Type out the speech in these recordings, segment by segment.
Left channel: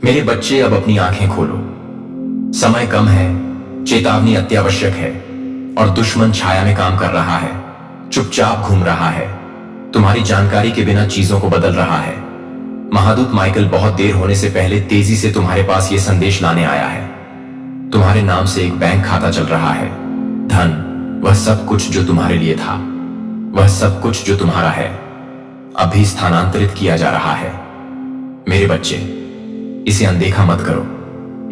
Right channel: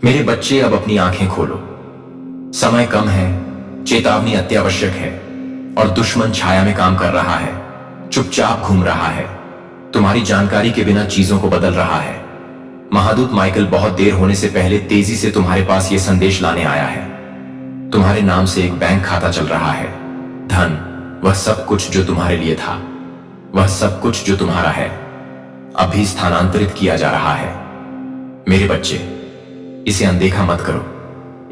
मेरे बच्चे, अब अपनी आंखें खोलो। समय कम है, चेतावनी अत्यावश्यक है और दुश्मन छाया में काम कर रहा है, चुपचाप घूम रहा है, तुम्हारी जानकारी के बिना चीजों को बदल रहा है। महादूत माइकल बहुत देर होने से पहले तेजी से तुम्हारे पास यह संदेश लाने आया है। तुम्हारे नाम से एक बैंक खाता चल रहा है। धन, वह सब कुछ जो तुम्हारे लिए था, वह सब कुछ जो तुम्हारा है, अभी स्थानांतरित किया जा रहा है। मेरे बच्चे, इसे अनदेखा मत करो,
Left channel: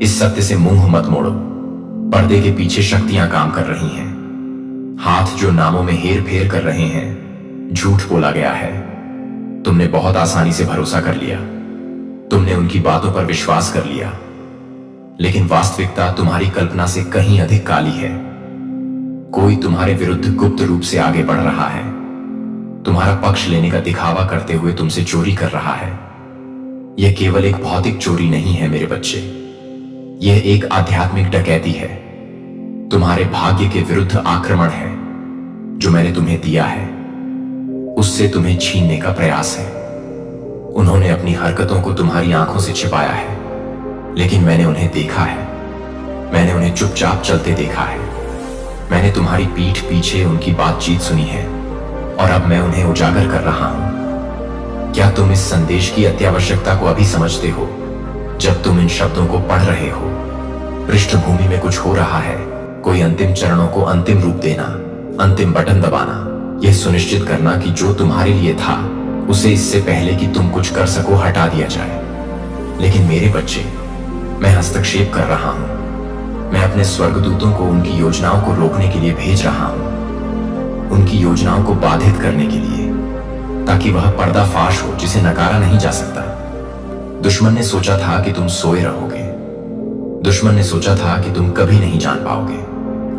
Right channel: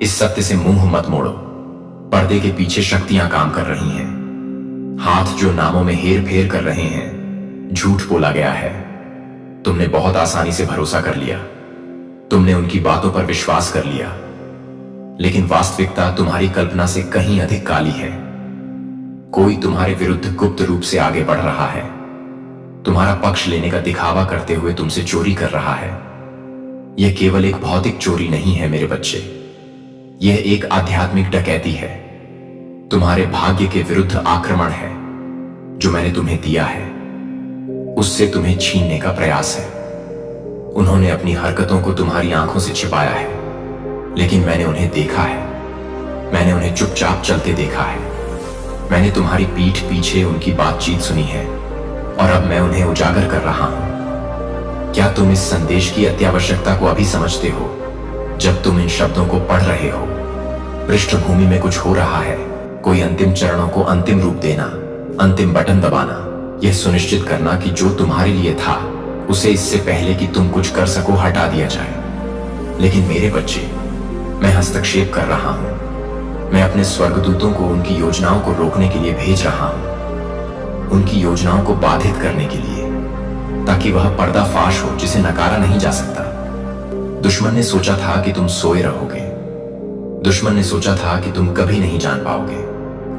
इस सत्य से मुंह मत मोड़ो। पर्दे के पीछे शक्तियां काम कर रही हैं। हाथ जो नामों में हेर फेर कर रहे हैं, झूठ बोला गया है। तुमने बहुत आसानी से भरोसा कर लिया, तुमने उनकी बातों पर विश्वास कर लिया, लेकिन वास्तविकता तुम्हारी कल्पना से कहीं अधिक काली है। कोई तुम्हारे विरुद्ध गुप्त रूप से आगे बढ़ रहा है, तुम्हारा पक्ष लेने का दिखावा करते हुए तुमसे चोरी कर रहा है। यह केवल एक भौतिक चोरी नहीं है मेरे बच्चे, यह एक आध्यात्मिक डकैती है। तुम्हारे भाग्य के विरुद्ध आक्रमण है। जो मैंने तुम्हें दिया है, उससे तुम्हें छीनने का प्रयास है। उन्होंने अपनी हरकतों को तुम्हारी आंखों से छिपाया है, लेकिन मैंने उन्हें देखा है। मैंने उन्हें चुपचाप चलते देखा है। मैंने तुम्हारी पीठ पीछे उनकी बातचीत सुनी है और अब मैं उन्हें उजागर कर रहा हूं। क्या तुम इस संदेश की अत्यावश्यकता को अभी समझते हो? जब तुम इन शब्दों को पढ़ रहे हो, पृष्ठभूमि में कुछ हो रहा है। कोई अंतिम चरणों को अंतिम रूप देना, अंतिम बटन दबाना, यह सुनिश्चित करना कि जो तुम्हारे लिए था, उसे इससे पहले कि तुम कुछ कर सको हटा दिया जाए। लेकिन मेरे बच्चे, मैं हस्तक्षेप कर रहा हूं। मैं अपने स्वर्गदूतों को उनकी योजनाओं को रोकने के लिए भेज रहा हूं, उनकी योजनाओं को बाधित करने के लिए, ताकि वह पर्दाफाश हो जिसे नकारा नहीं जा सकता। दुश्मन ने सोचा था कि तुम सोए रहोगे। दुश्मन ने सोचा था कि तुम कभी नहीं जान पाओगे,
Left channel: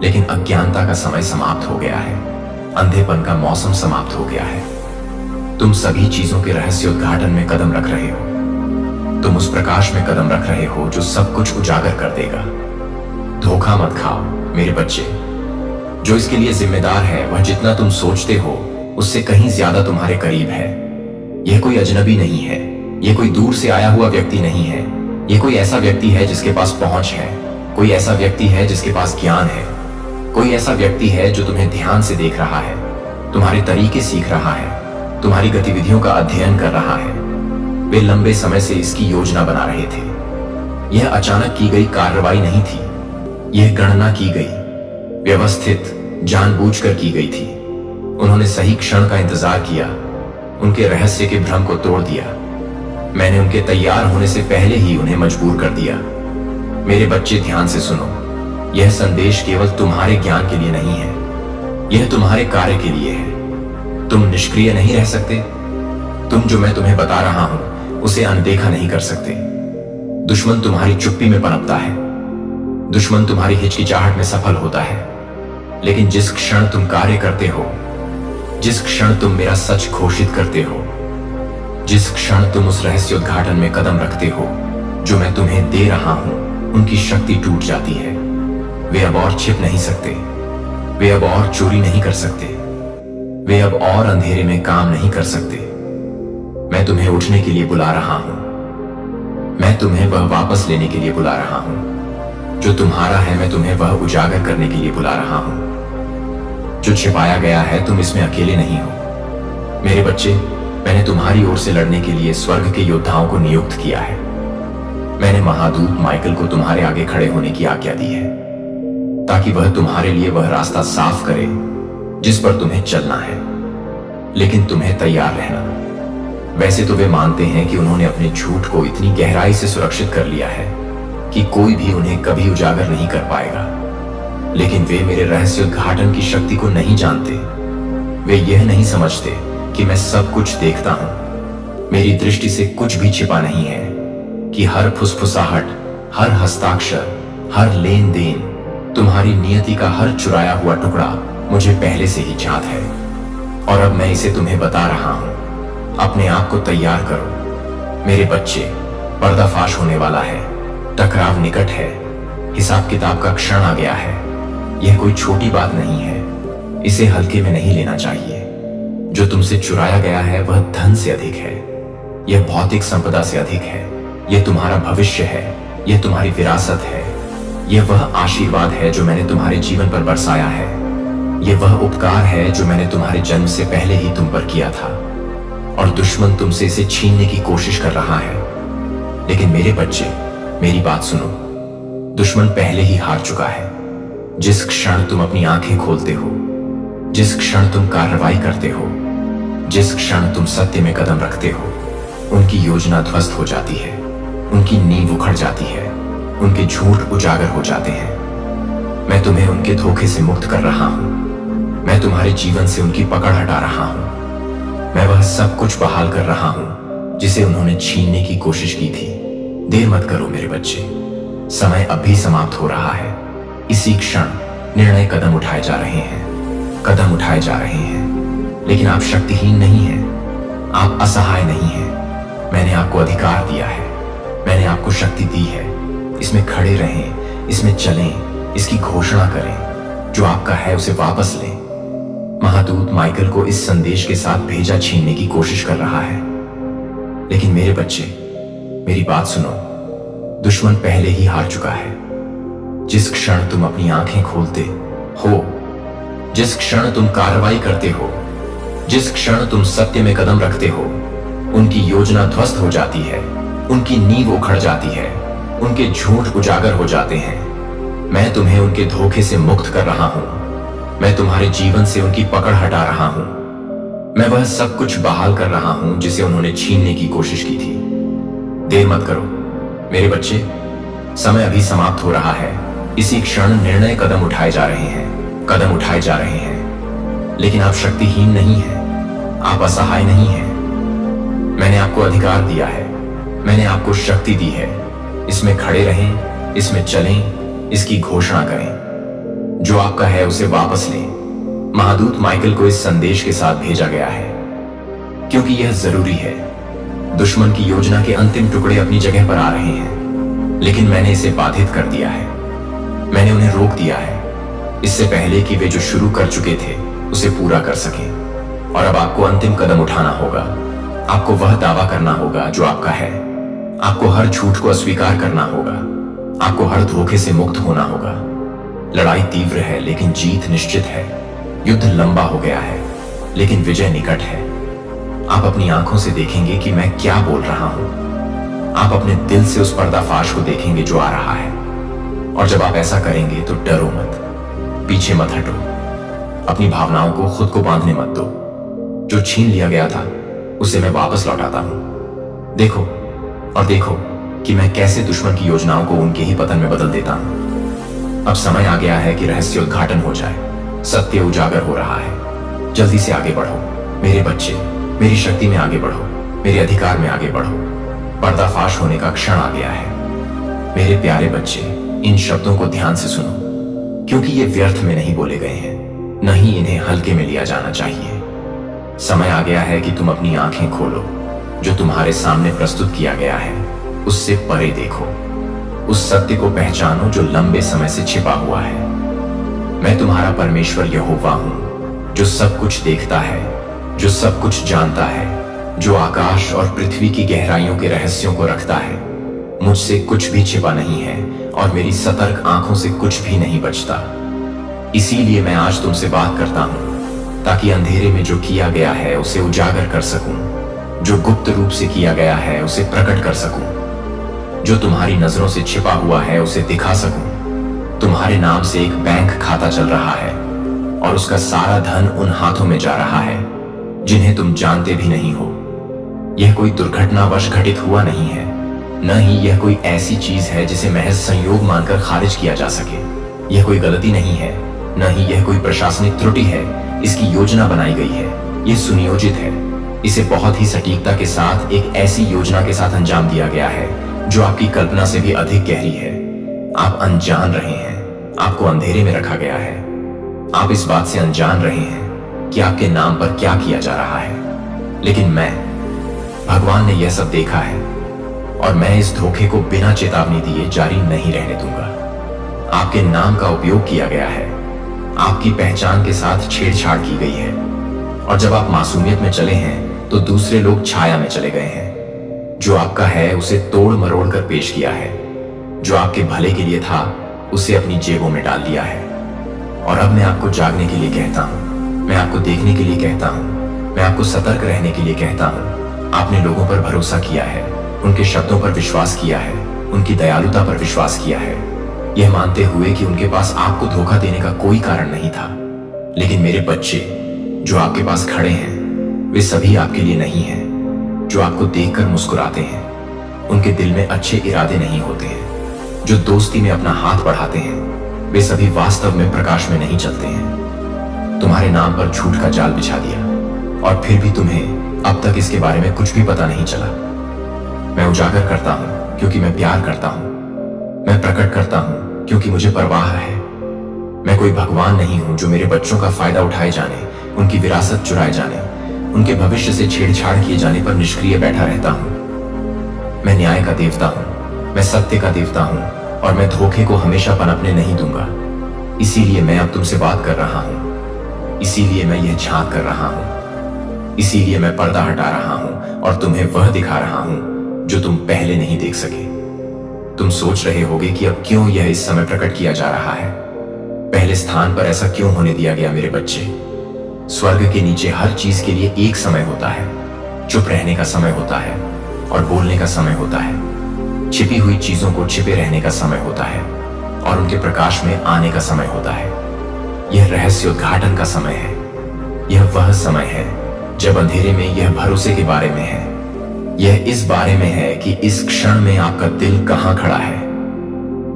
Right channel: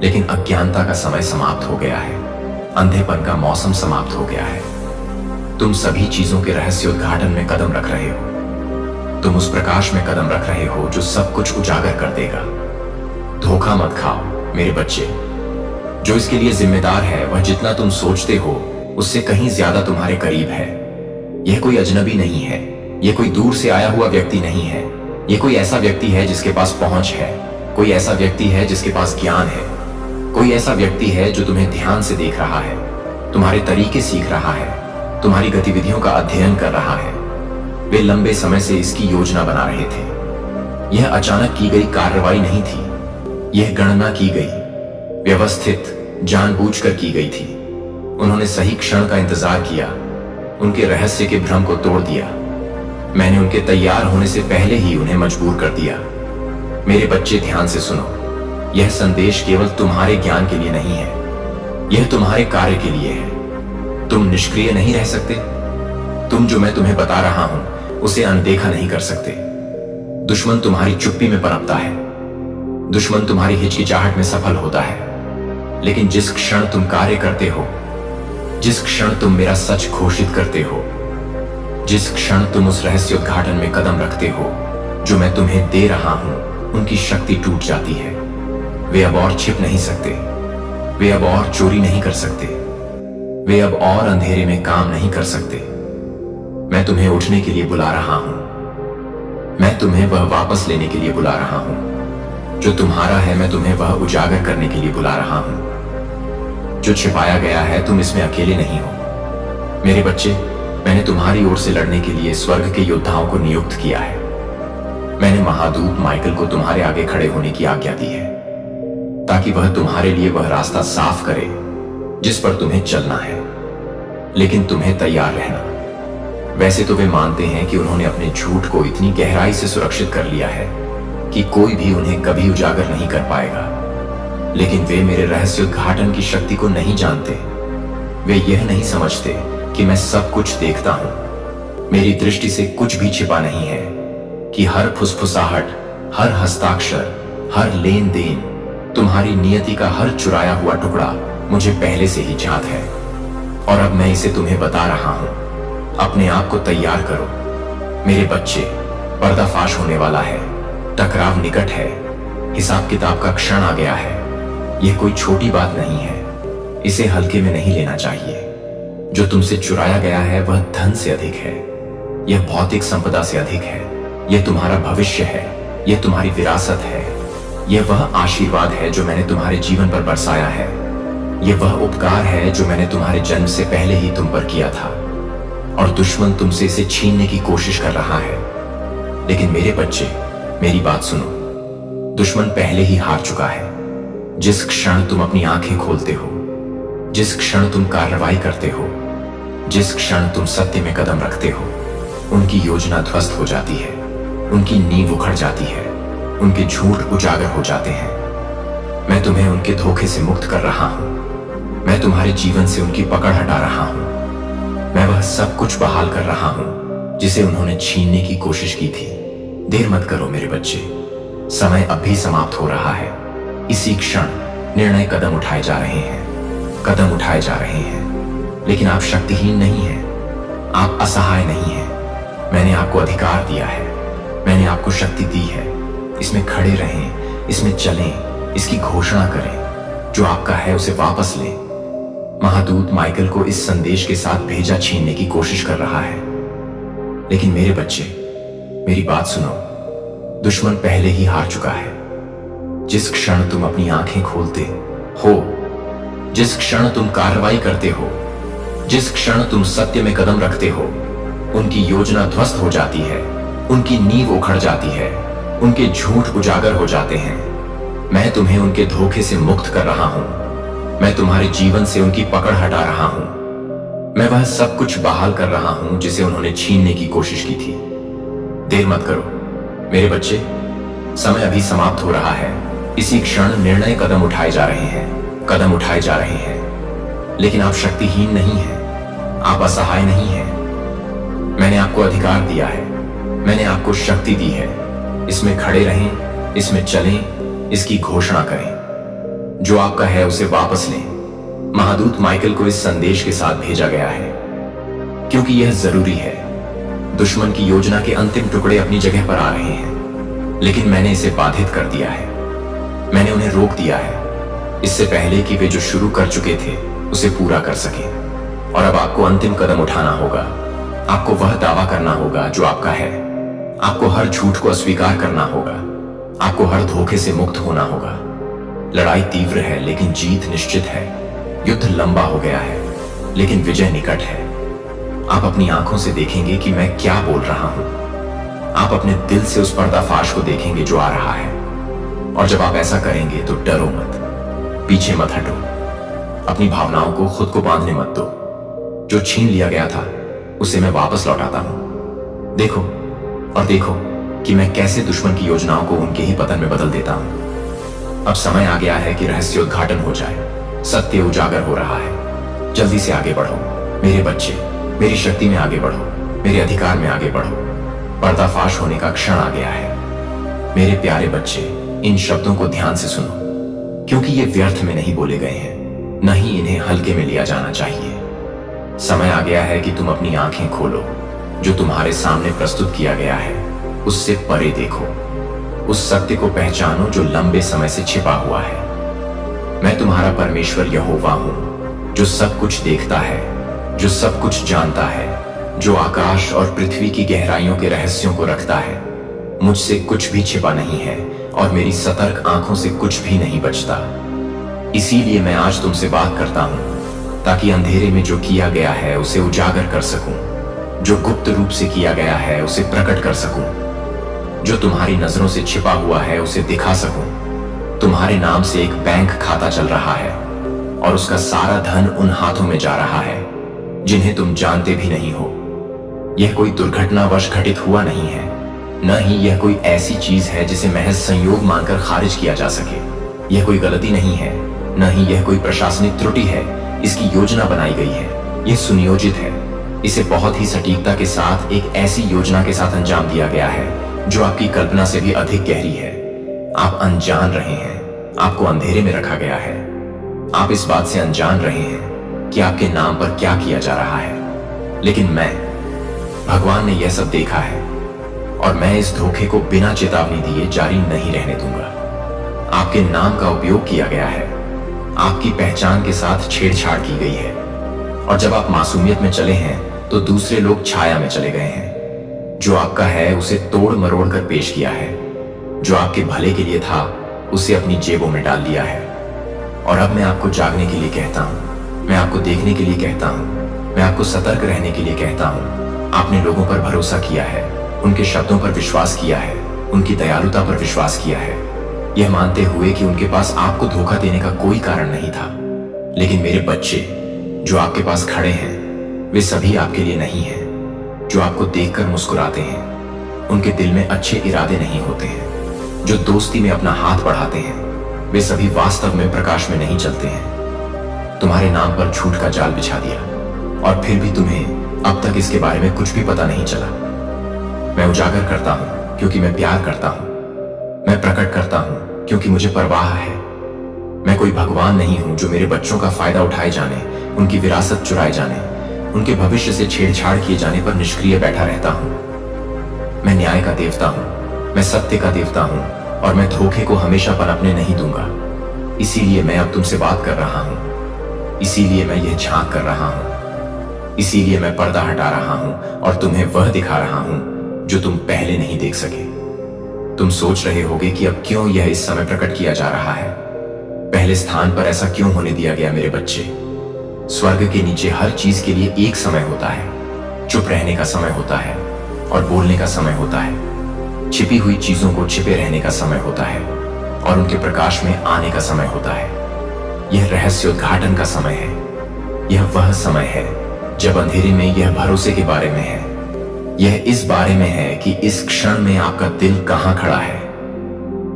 लेकिन अज्ञानता का समय समाप्त हो गया है। अंधेपन का मौसम समाप्त हो गया है। तुम सभी चीजों के रहस्योद्घाटन में कदम रख रहे हो। तुम उस प्रकाश में कदम रख रहे हो जो सब कुछ उजागर कर देगा। धोखा मत खाओ मेरे बच्चे। जो इसके लिए जिम्मेदार है, वह जितना तुम सोचते हो उससे कहीं ज्यादा तुम्हारे करीब है। यह कोई अजनबी नहीं है, यह कोई दूर से आया हुआ व्यक्ति नहीं है। यह कोई ऐसा व्यक्ति है जिसके पास पहुंच है, कोई ऐसा व्यक्ति है जिसके पास ज्ञान है, कोई ऐसा व्यक्ति है जो तुम्हें ध्यान से देख रहा है, तुम्हारे तरीके सीख रहा है, तुम्हारी गतिविधियों का अध्ययन कर रहा है। वे लंबे समय से इसकी योजना बना रहे थे। यह अचानक की गई कार्रवाई नहीं थी, यह गणना की गई, व्यवस्थित, जानबूझकर की गई थी। उन्होंने सही क्षण का इंतजार किया, उनके रहस्य के भ्रम को तोड़ दिया। मैंने उनके तैयार होने से पहले ही उन्हें मजबूर कर दिया। मेरे बच्चे, ध्यान से सुनो। यह संदेश केवल तुम्हारे ज्ञान के लिए नहीं है, यह तुम्हारे कार्य के लिए है। तुम निष्क्रिय नहीं रह सकते। तुम जो मैं तुम्हें बता रहा हूं, उसे अनदेखा नहीं कर सकते। दुश्मन तुम्हारी चुप्पी में पनपता है, दुश्मन तुम्हारी हिचकिचाहट में सफल होता है। लेकिन जिस क्षण तुम कार्य करते हो, जिस क्षण तुम मेरा सच घोषित करते हो, जिस क्षण तुम उस रहस्योद्घाटन में कदम रखते हो जो मैं तुम्हें दे रहा हूं, उनकी शक्ति टूट जाती है। वे अब और छिप नहीं सकते, वे अब और चोरी नहीं कर सकते, वे अब और अंधेरे में काम नहीं कर सकते। मैं तुम्हें उठने के लिए बुला रहा हूं, मैं तुम्हें वह वापस लेने के लिए बुला रहा हूं। जो तुम्हारा है, मैं तुम्हें वह उजागर करने के लिए बुला रहा हूं। जो छिपाया गया है, तुम इसमें अकेले नहीं हो। मेरे बच्चे, मैंने तुम्हारी ओर से लड़ने के लिए स्वर्ग के योद्धाओं को नियुक्त किया है। मैंने महादूत माइकल को तुम्हारे आगे खड़े होने की आज्ञा दी है, ताकि वह तुम्हारे लिए वह रास्ता साफ करे जिस पर तुम्हें चलना है। लेकिन तुम्हें तैयार रहना। वैसे तो वे मानते हैं कि उन्होंने अपने झूठ को इतनी गहराई से सुरक्षित कर लिया है कि कोई भी उन्हें कभी उजागर नहीं कर पाएगा, लेकिन वे मेरे रहस्योद्घाटन की शक्ति को नहीं जानते। वे यह नहीं समझते कि मैं सब कुछ देखता हूं। मेरी दृष्टि से कुछ भी छिपा नहीं है, कि हर फुसफुसाहट, हर हस्ताक्षर, हर लेन देन, तुम्हारी नियति का हर चुराया हुआ टुकड़ा मुझे पहले से ही ज्ञात है। और अब मैं इसे तुम्हें बता रहा हूं। अपने आप को तैयार करो मेरे बच्चे, पर्दाफाश होने वाला है, टकराव निकट है, हिसाब किताब का क्षण आ गया है। यह कोई छोटी बात नहीं है, इसे हल्के में नहीं लेना चाहिए। जो तुमसे चुराया गया है, वह धन से अधिक है, यह भौतिक संपदा से अधिक है। यह तुम्हारा भविष्य है, यह तुम्हारी विरासत है, यह वह आशीर्वाद है जो मैंने तुम्हारे जीवन पर बरसाया है, यह वह उपकार है जो मैंने तुम्हारे जन्म से पहले ही तुम पर किया था। और दुश्मन तुमसे इसे छीनने की कोशिश कर रहा है। लेकिन मेरे बच्चे, मेरी बात सुनो, दुश्मन पहले ही हार चुका है। जिस क्षण तुम अपनी आंखें खोलते हो, जिस क्षण तुम कार्रवाई करते हो, जिस क्षण तुम सत्य में कदम रखते हो, उनकी योजना ध्वस्त हो जाती है, उनकी नींव उखड़ जाती है, उनके झूठ उजागर हो जाते हैं। मैं तुम्हें उनके धोखे से मुक्त कर रहा हूं, मैं तुम्हारे जीवन से उनकी पकड़ हटा रहा हूं, मैं वह सब कुछ बहाल कर रहा हूं जिसे उन्होंने छीनने की कोशिश की थी। देर मत करो मेरे बच्चे, समय अब भी समाप्त हो रहा है। इसी क्षण निर्णय कदम उठाए जा रहे हैं, कदम उठाए जा रहे हैं। लेकिन आप शक्तिहीन नहीं हैं, आप असहाय नहीं हैं। मैंने आपको अधिकार दिया है, मैंने आपको शक्ति दी है। इसमें खड़े रहें, इसमें चलें, इसकी घोषणा करें। जो आपका है उसे वापस लें। महादूत माइकल को इस संदेश के साथ भेजा छीनने की कोशिश कर रहा है। लेकिन मेरे बच्चे, मेरी बात सुनो, दुश्मन पहले ही हार चुका है। जिस क्षण तुम अपनी आंखें खोलते हो, जिस क्षण तुम कार्रवाई करते हो, जिस क्षण तुम सत्य में कदम रखते हो, उनकी योजना ध्वस्त हो जाती है, उनकी नींव उखड़ जाती है, उनके झूठ उजागर हो जाते हैं। मैं तुम्हें उनके धोखे से मुक्त कर रहा हूं, मैं तुम्हारे जीवन से उनकी पकड़ हटा रहा हूं, मैं वह सब कुछ बहाल कर रहा हूं जिसे उन्होंने छीनने की कोशिश की थी। देर मत करो मेरे बच्चे, समय अभी समाप्त हो रहा है। इसी क्षण निर्णय कदम उठाए जा रहे हैं, कदम उठाए जा रहे हैं। लेकिन आप शक्तिहीन नहीं हैं, आप असहाय नहीं हैं। मैंने आपको अधिकार दिया है, मैंने आपको शक्ति दी है। इसमें खड़े रहें, इसमें चलें, इसकी घोषणा करें। जो आपका है उसे वापस लें। महादूत माइकल को इस संदेश के साथ भेजा गया है क्योंकि यह जरूरी है। दुश्मन की योजना के अंतिम टुकड़े अपनी जगह पर आ रहे हैं, लेकिन मैंने इसे बाधित कर दिया है, मैंने उन्हें रोक दिया है, इससे पहले कि वे जो शुरू कर चुके थे उसे पूरा कर सकें। और अब आपको अंतिम कदम उठाना होगा। आपको वह दावा करना होगा जो आपका है। आपको हर झूठ को अस्वीकार करना होगा, आपको हर धोखे से मुक्त होना होगा। लड़ाई तीव्र है लेकिन जीत निश्चित है। युद्ध लंबा हो गया है लेकिन विजय निकट है। आप अपनी आंखों से देखेंगे कि मैं क्या बोल रहा हूं। आप अपने दिल से उस पर्दाफाश को देखेंगे जो आ रहा है। और जब आप ऐसा करेंगे तो डरो मत, पीछे मत हटो, अपनी भावनाओं को खुद को बांधने मत दो। जो छीन लिया गया था उसे मैं वापस लौटाता हूं। देखो और देखो कि मैं कैसे दुश्मन की योजनाओं को उनके ही पतन में बदल देता हूं। अब समय आ गया है कि रहस्योद्घाटन हो जाए, सत्य उजागर हो रहा है। जल्दी से आगे बढ़ो मेरे बच्चे, मेरी शक्ति में आगे बढ़ो, मेरे अधिकार में आगे बढ़ो। पर्दाफाश होने का क्षण आ गया है। मेरे प्यारे बच्चे, इन शब्दों को ध्यान से सुनो, क्योंकि ये व्यर्थ में नहीं बोले गए हैं, न ही इन्हें हल्के में लिया जाना चाहिए। समय आ गया है कि तुम अपनी आंखें खोलो। जो तुम्हारे सामने प्रस्तुत किया गया है उससे परे देखो, उस सत्य को पहचानो जो लंबे समय से छिपा हुआ है। मैं तुम्हारा परमेश्वर यहोवा हूं, जो सब कुछ देखता है, जो सब कुछ जानता है, जो आकाश और पृथ्वी की गहराइयों के रहस्यों को रखता है। मुझसे कुछ भी छिपा नहीं है और मेरी सतर्क आंखों से कुछ भी नहीं बचता। इसीलिए मैं आज तुमसे बात करता हूं ताकि अंधेरे में जो किया गया है उसे उजागर कर सकूं, जो गुप्त रूप से किया गया है उसे प्रकट कर सकूं, जो तुम्हारी नजरों से छिपा हुआ है उसे दिखा सकूं। तुम्हारे नाम से एक बैंक खाता चल रहा है और उसका सारा धन उन हाथों में जा रहा है जिन्हें तुम जानते भी नहीं हो। यह कोई दुर्घटनावश घटित हुआ नहीं है, न ही यह कोई ऐसी चीज है जिसे महज संयोग मानकर खारिज किया जा सके। यह कोई गलती नहीं है, न ही यह कोई प्रशासनिक त्रुटि है। इसकी योजना बनाई गई है, यह सुनियोजित है। इसे बहुत ही सटीकता के साथ एक ऐसी योजना के साथ अंजाम दिया गया है जो आपकी कल्पना से भी अधिक गहरी है। आप अनजान रहे हैं, आपको अंधेरे में रखा गया है। आप इस बात से अनजान रहे हैं कि आपके नाम पर क्या किया जा रहा है। लेकिन मैं, भगवान ने यह सब देखा है और मैं इस धोखे को बिना चेतावनी दिए जारी नहीं रहने दूंगा। आपके नाम का उपयोग किया गया है, आपकी पहचान के साथ छेड़छाड़ की गई है और जब आप मासूमियत में चले हैं तो दूसरे लोग छाया में चले गए हैं। जो आपका है उसे तोड़ मरोड़ कर पेश किया है। जो आपके भले के लिए था उसे अपनी जेबों में डाल लिया है। और अब मैं आपको जागने के लिए कहता हूं, मैं आपको देखने के लिए कहता हूं, मैं आपको सतर्क रहने के लिए कहता हूं। आपने लोगों पर भरोसा किया है, उनके शब्दों पर विश्वास किया है, उनकी दयालुता पर विश्वास किया है, यह मानते हुए कि उनके पास आपको धोखा देने का कोई कारण नहीं था। लेकिन मेरे बच्चे जो आपके पास खड़े हैं वे सभी आपके लिए नहीं हैं। जो आपको देखकर मुस्कुराते हैं उनके दिल में अच्छे इरादे नहीं होते हैं। जो दोस्ती में अपना हाथ बढ़ाते हैं वे सभी वास्तव में प्रकाश में नहीं चलते हैं। तुम्हारे नाम पर झूठ का जाल बिछा दिया और फिर भी तुम्हें अब तक इसके बारे में कुछ भी पता नहीं चला। मैं उजागर करता हूं क्योंकि मैं प्यार करता हूं। मैं प्रकट करता हूं क्योंकि मुझे परवाह है। मैं कोई भगवान नहीं हूं जो मेरे बच्चों का फायदा उठाए जाने, उनकी विरासत चुराए जाने, उनके भविष्य से छेड़छाड़ किए जाने पर निष्क्रिय बैठा रहता हूं। मैं न्याय का देवता हूं, मैं सत्य का देवता हूं और मैं धोखे को हमेशा पनपने नहीं दूंगा। इसीलिए मैं अब तुमसे बात कर रहा हूं, इसीलिए मैं यह झांक कर रहा हूं, इसीलिए मैं पर्दा हटा रहा हूं और तुम्हें वह दिखा रहा हूं जो तुम पहले नहीं देख सके। तुम सोच रहे होगे कि अब क्यों यह इस समय प्रकट किया जा रहा है। पहले स्थान पर ऐसा क्यों होने दिया गया मेरे बच्चे। स्वर्ग के नीचे हर चीज के लिए एक समय होता है। चुप रहने का समय होता है और बोलने का समय होता है। छिपी हुई चीजों को छिपे रहने का समय होता है और उनके प्रकाश में आने का समय होता है। यह रहस्य उद्घाटन का समय है। यह वह समय है जब अंधेरे में यह भरोसे के बारे में है। यह इस बारे में है कि इस क्षण में आपका दिल कहां खड़ा है,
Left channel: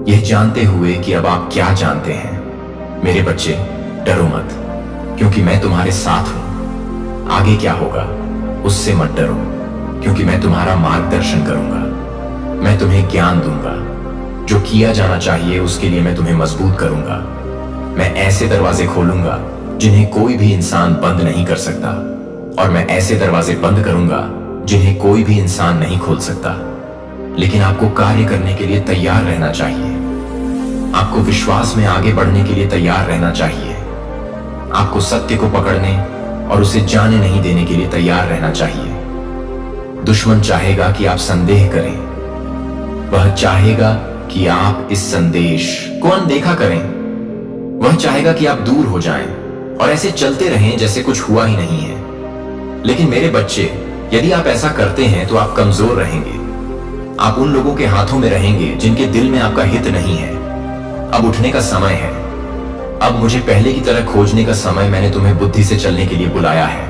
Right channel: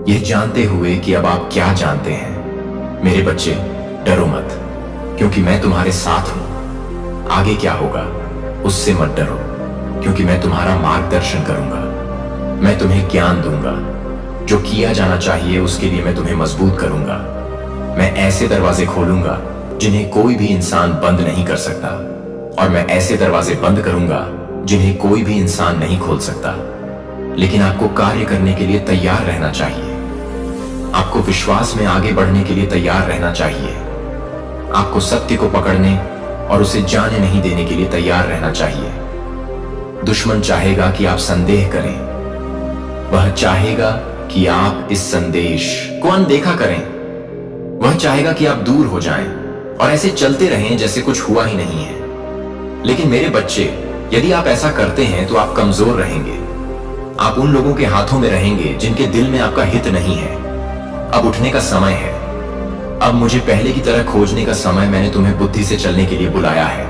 यह जानते हुए कि अब आप क्या जानते हैं। मेरे बच्चे डरो मत, क्योंकि मैं तुम्हारे साथ हूं। आगे क्या होगा उससे मत डरो, क्योंकि मैं तुम्हारा मार्गदर्शन करूंगा। मैं तुम्हें ज्ञान दूंगा। जो किया जाना चाहिए उसके लिए मैं तुम्हें मजबूत करूंगा। मैं ऐसे दरवाजे खोलूंगा जिन्हें कोई भी इंसान बंद नहीं कर सकता, और मैं ऐसे दरवाजे बंद करूंगा जिन्हें कोई भी इंसान नहीं खोल सकता। लेकिन आपको कार्य करने के लिए तैयार रहना चाहिए। आपको विश्वास में आगे बढ़ने के लिए तैयार रहना चाहिए। आपको सत्य को पकड़ने और उसे जाने नहीं देने के लिए तैयार रहना चाहिए। दुश्मन चाहेगा कि आप संदेह करें। वह चाहेगा कि आप इस संदेश को अनदेखा करें। वह चाहेगा कि आप दूर हो जाएं और ऐसे चलते रहें जैसे कुछ हुआ ही नहीं है। लेकिन मेरे बच्चे, यदि आप ऐसा करते हैं तो आप कमजोर रहेंगे। आप उन लोगों के हाथों में रहेंगे जिनके दिल में आपका हित नहीं है। अब उठने का समय है। अब मुझे पहले की तरह खोजने का समय। मैंने तुम्हें बुद्धि से चलने के लिए बुलाया है,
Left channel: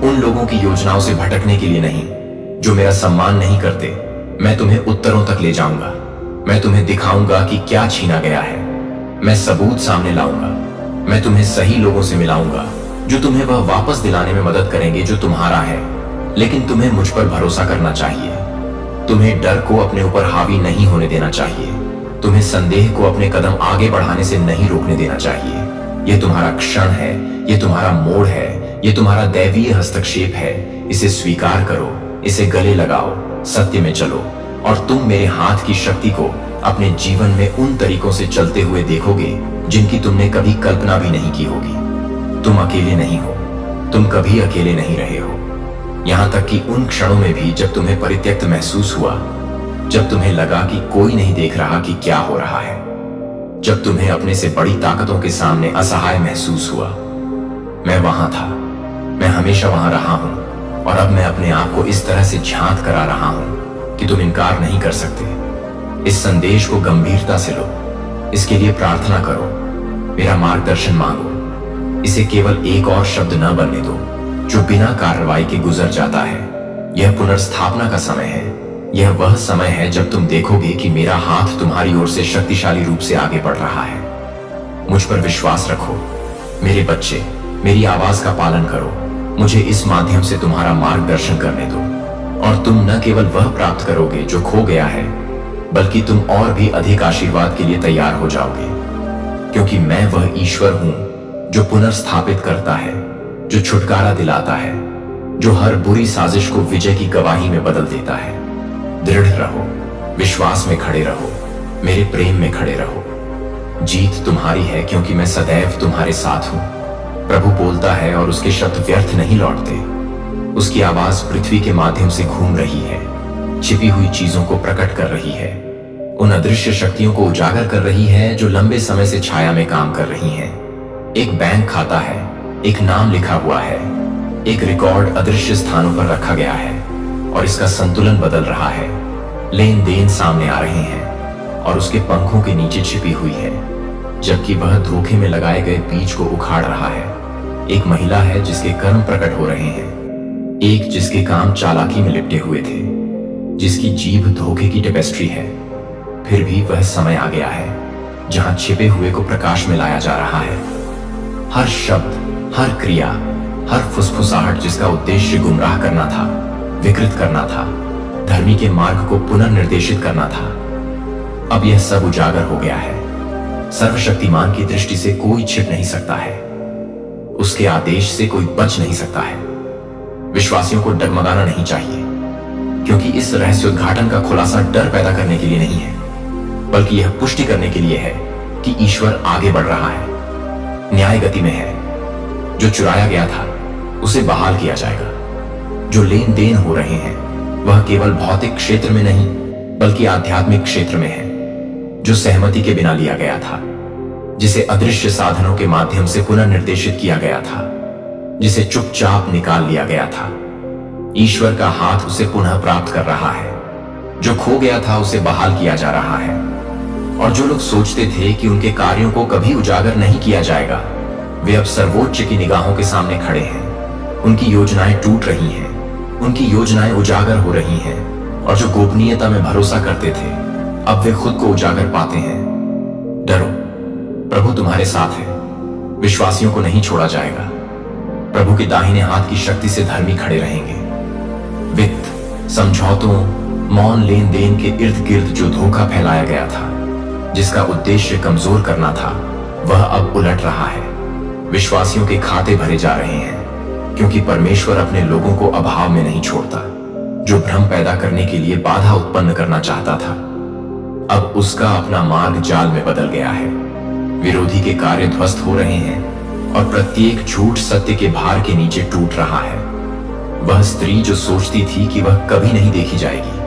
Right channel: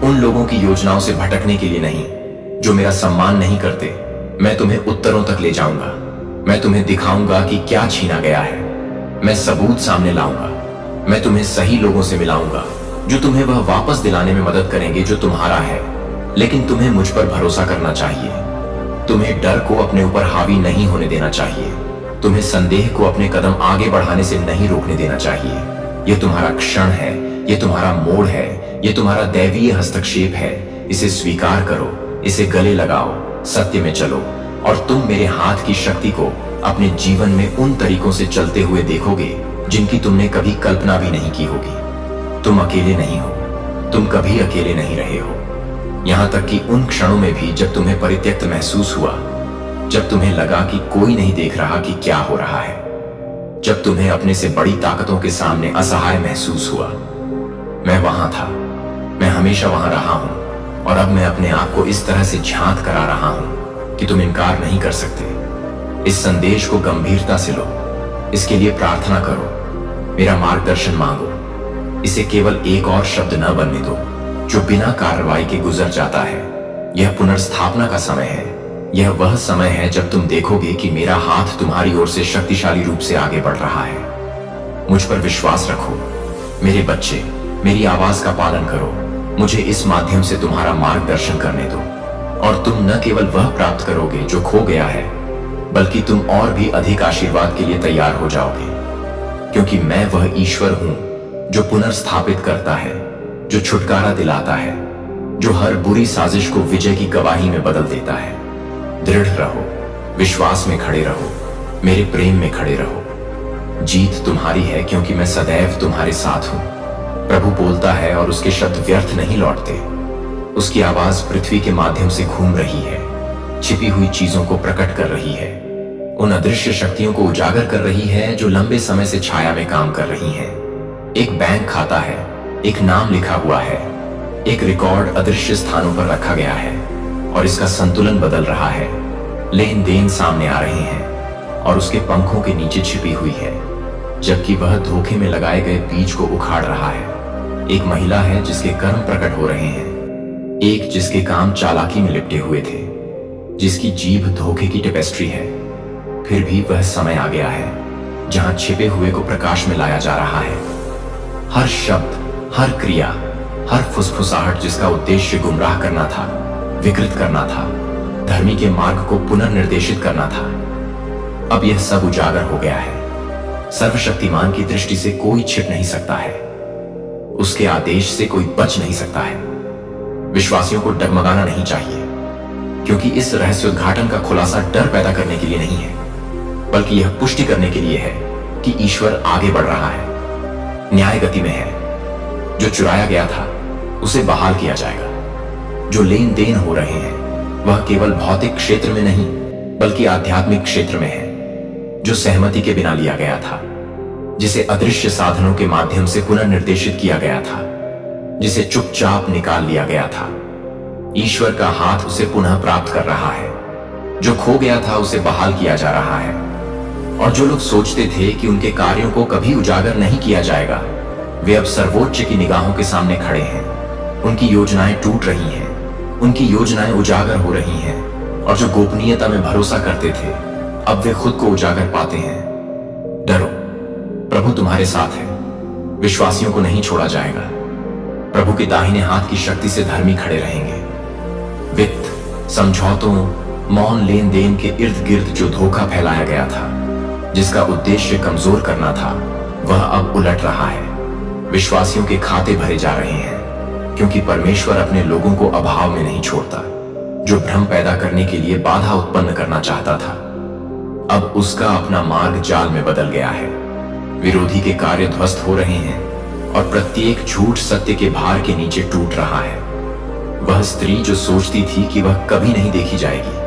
उन लोगों की योजनाओं से भटकने के लिए नहीं जो मेरा सम्मान नहीं करते। मैं तुम्हें उत्तरों तक ले जाऊंगा। मैं तुम्हें दिखाऊंगा कि क्या छीना गया है। मैं सबूत सामने लाऊंगा। मैं तुम्हें सही लोगों से मिलाऊंगा जो तुम्हें वह वापस दिलाने में मदद करेंगे जो तुम्हारा है। लेकिन तुम्हें मुझ पर भरोसा करना चाहिए। तुम्हें डर को अपने ऊपर हावी नहीं होने देना चाहिए। तुम्हें संदेह को अपने कदम आगे बढ़ाने से नहीं रोकने देना चाहिए। यह तुम्हारा क्षण है, यह तुम्हारा मोड़ है, यह तुम्हारा दैवीय हस्तक्षेप है। इसे स्वीकार करो, इसे गले लगाओ, सत्य में चलो, और तुम मेरे हाथ की शक्ति को अपने जीवन में उन तरीकों से चलते हुए देखोगे जिनकी तुमने कभी कल्पना भी नहीं की होगी। तुम अकेले नहीं हो, तुम कभी अकेले नहीं रहे हो। यहां तक कि उन क्षणों में भी जब तुम्हें परित्यक्त महसूस हुआ, जब तुम्हें लगा कि कोई नहीं देख रहा कि क्या हो रहा है, जब तुम्हें अपने से बड़ी ताकतों के सामने असहाय महसूस हुआ, मैं वहां था। मैं हमेशा वहां रहा हूं, और अब मैं अपने आप को इस तरह से झांक करा रहा हूं कि तुम इनकार नहीं कर सकते। इस संदेश को गंभीरता से लो, इसके लिए प्रार्थना करो, मेरा मार्गदर्शन मांगो। इसे केवल एक और शब्द न बनने दो जो बिना कार्रवाई के गुजर जाता है। यह पुनर्स्थापना का समय है। यह वह समय है जब तुम देखोगे कि मेरा हाथ तुम्हारी ओर से शक्तिशाली रूप से आगे बढ़ रहा है। मुझ पर विश्वास रखो मेरे बच्चे। मेरी आवाज का पालन करो। मुझे इस माध्यम से तुम्हारा मार्गदर्शन करने दो, और तुम न केवल वह प्राप्त करोगे जो खो गया है, बल्कि तुम और भी अधिक आशीर्वाद के लिए तैयार हो जाओगे। क्योंकि मैं वह ईश्वर हूं जो पुनर्स्थापित करता है, जो छुटकारा दिलाता है, जो हर बुरी साजिश को विजय की गवाही में बदल देता है। दृढ़ रहो, विश्वास में खड़े रहो, मेरे प्रेम में खड़े रहो। जीत तुम्हारी है, क्योंकि मैं सदैव तुम्हारे साथ हूं। प्रभु बोलता है और उसके शब्द व्यर्थ नहीं लौटते। उसकी आवाज पृथ्वी के माध्यम से घूम रही है, छिपी हुई चीजों को प्रकट कर रही है, उन अदृश्य शक्तियों को उजागर कर रही है जो लंबे समय से छाया में काम कर रही हैं। एक बैंक खाता है, एक नाम लिखा हुआ है, एक रिकॉर्ड अदृश्य स्थानों पर रखा गया है और इसका संतुलन बदल रहा है। लेन देन सामने आ रहे हैं और उसके पंखों के नीचे छिपी हुई है, जबकि वह धोखे में लगाए गए बीज को उखाड़ रहा है। एक महिला है जिसके कर्म प्रकट हो रहे हैं, एक जिसके काम चालाकी में लिपटे हुए थे, जिसकी जीभ धोखे की टेपेस्ट्री है। फिर भी वह समय आ गया है जहां छिपे हुए को प्रकाश में लाया जा रहा है। हर शब्द, हर क्रिया, हर फुसफुसाहट जिसका उद्देश्य गुमराह करना था, विकृत करना था, धर्मी के मार्ग को पुनर्निर्देशित करना था, अब यह सब उजागर हो गया है। सर्वशक्तिमान की दृष्टि से कोई छिप नहीं सकता है, उसके आदेश से कोई बच नहीं सकता है। विश्वासियों को डगमगाना नहीं चाहिए, क्योंकि इस रहस्योद्घाटन का खुलासा डर पैदा करने के लिए नहीं है, बल्कि यह पुष्टि करने के लिए है कि ईश्वर आगे बढ़ रहा है, न्याय गति में है। जो चुराया गया था उसे बहाल किया जाएगा। जो लेन देन हो रहे हैं वह केवल भौतिक क्षेत्र में नहीं बल्कि आध्यात्मिक क्षेत्र में है। जो सहमति के बिना लिया गया था, जिसे अदृश्य साधनों के माध्यम से पुनर्निर्देशित किया गया था, जिसे चुपचाप निकाल लिया गया था, ईश्वर का हाथ उसे पुनः प्राप्त कर रहा है। जो खो गया था उसे बहाल किया जा रहा है। और जो लोग सोचते थे कि उनके कार्यों को कभी उजागर नहीं किया जाएगा, वे अब सर्वोच्च की निगाहों के सामने खड़े हैं। उनकी योजनाएं टूट रही हैं, उनकी योजनाएं उजागर हो रही हैं। और जो गोपनीयता में भरोसा करते थे, अब वे खुद को उजागर पाते हैं। डरो, प्रभु तुम्हारे साथ है, विश्वासियों को नहीं छोड़ा जाएगा। प्रभु के दाहिने हाथ की शक्ति से धर्मी खड़े रहेंगे। वित्त, समझौतों, मौन लेन देन के इर्द गिर्द जो धोखा फैलाया गया था, जिसका उद्देश्य कमजोर करना था, वह अब उलट रहा है। विश्वासियों के खाते भरे जा रहे हैं, क्योंकि परमेश्वर अपने लोगों को अभाव में नहीं छोड़ता। जो भ्रम पैदा करने के लिए बाधा उत्पन्न करना चाहता था, अब उसका अपना मार्ग जाल में बदल गया है। विरोधी के कार्य ध्वस्त हो रहे हैं और प्रत्येक झूठ सत्य के भार के नीचे टूट रहा है। वह स्त्री जो सोचती थी कि वह कभी नहीं देखी जाएगी,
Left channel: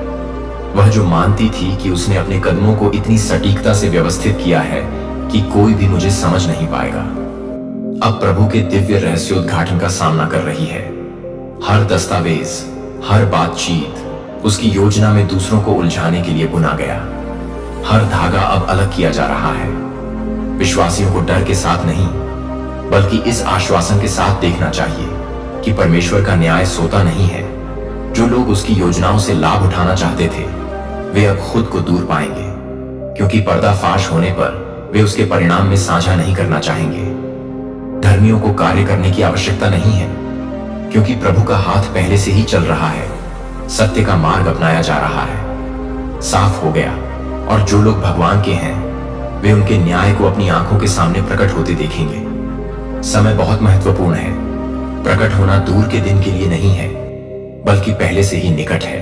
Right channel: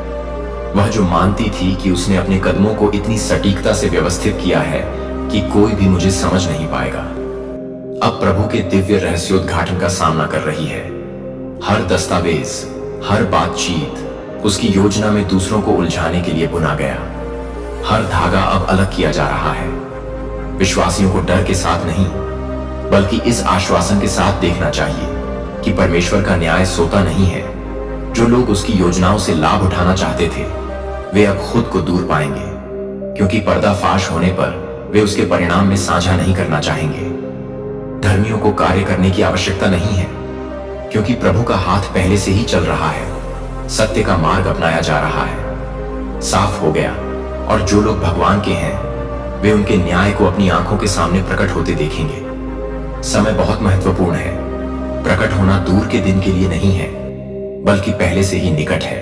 वह जो मानती थी कि उसने अपने कदमों को इतनी सटीकता से व्यवस्थित किया है कि कोई भी मुझे समझ नहीं पाएगा, अब प्रभु के दिव्य रहस्योद्घाटन का सामना कर रही है। हर दस्तावेज, हर बातचीत उसकी योजना में दूसरों को उलझाने के लिए बुना गया। हर धागा अब अलग किया जा रहा है। विश्वासियों को डर के साथ नहीं, बल्कि इस आश्वासन के साथ देखना चाहिए कि परमेश्वर का न्याय सोता नहीं है। जो लोग उसकी योजनाओं से लाभ उठाना चाहते थे, वे अब खुद को दूर पाएंगे, क्योंकि पर्दाफाश होने पर वे उसके परिणाम में साझा नहीं करना चाहेंगे। धर्मियों को कार्य करने की आवश्यकता नहीं है, क्योंकि प्रभु का हाथ पहले से ही चल रहा है। सत्य का मार्ग अपनाया जा रहा है, साफ हो गया। और जो लोग भगवान के हैं, वे उनके न्याय को अपनी आंखों के सामने प्रकट होते देखेंगे। समय बहुत महत्वपूर्ण है। प्रकट होना दूर के दिन के लिए नहीं है, बल्कि पहले से ही निकट है।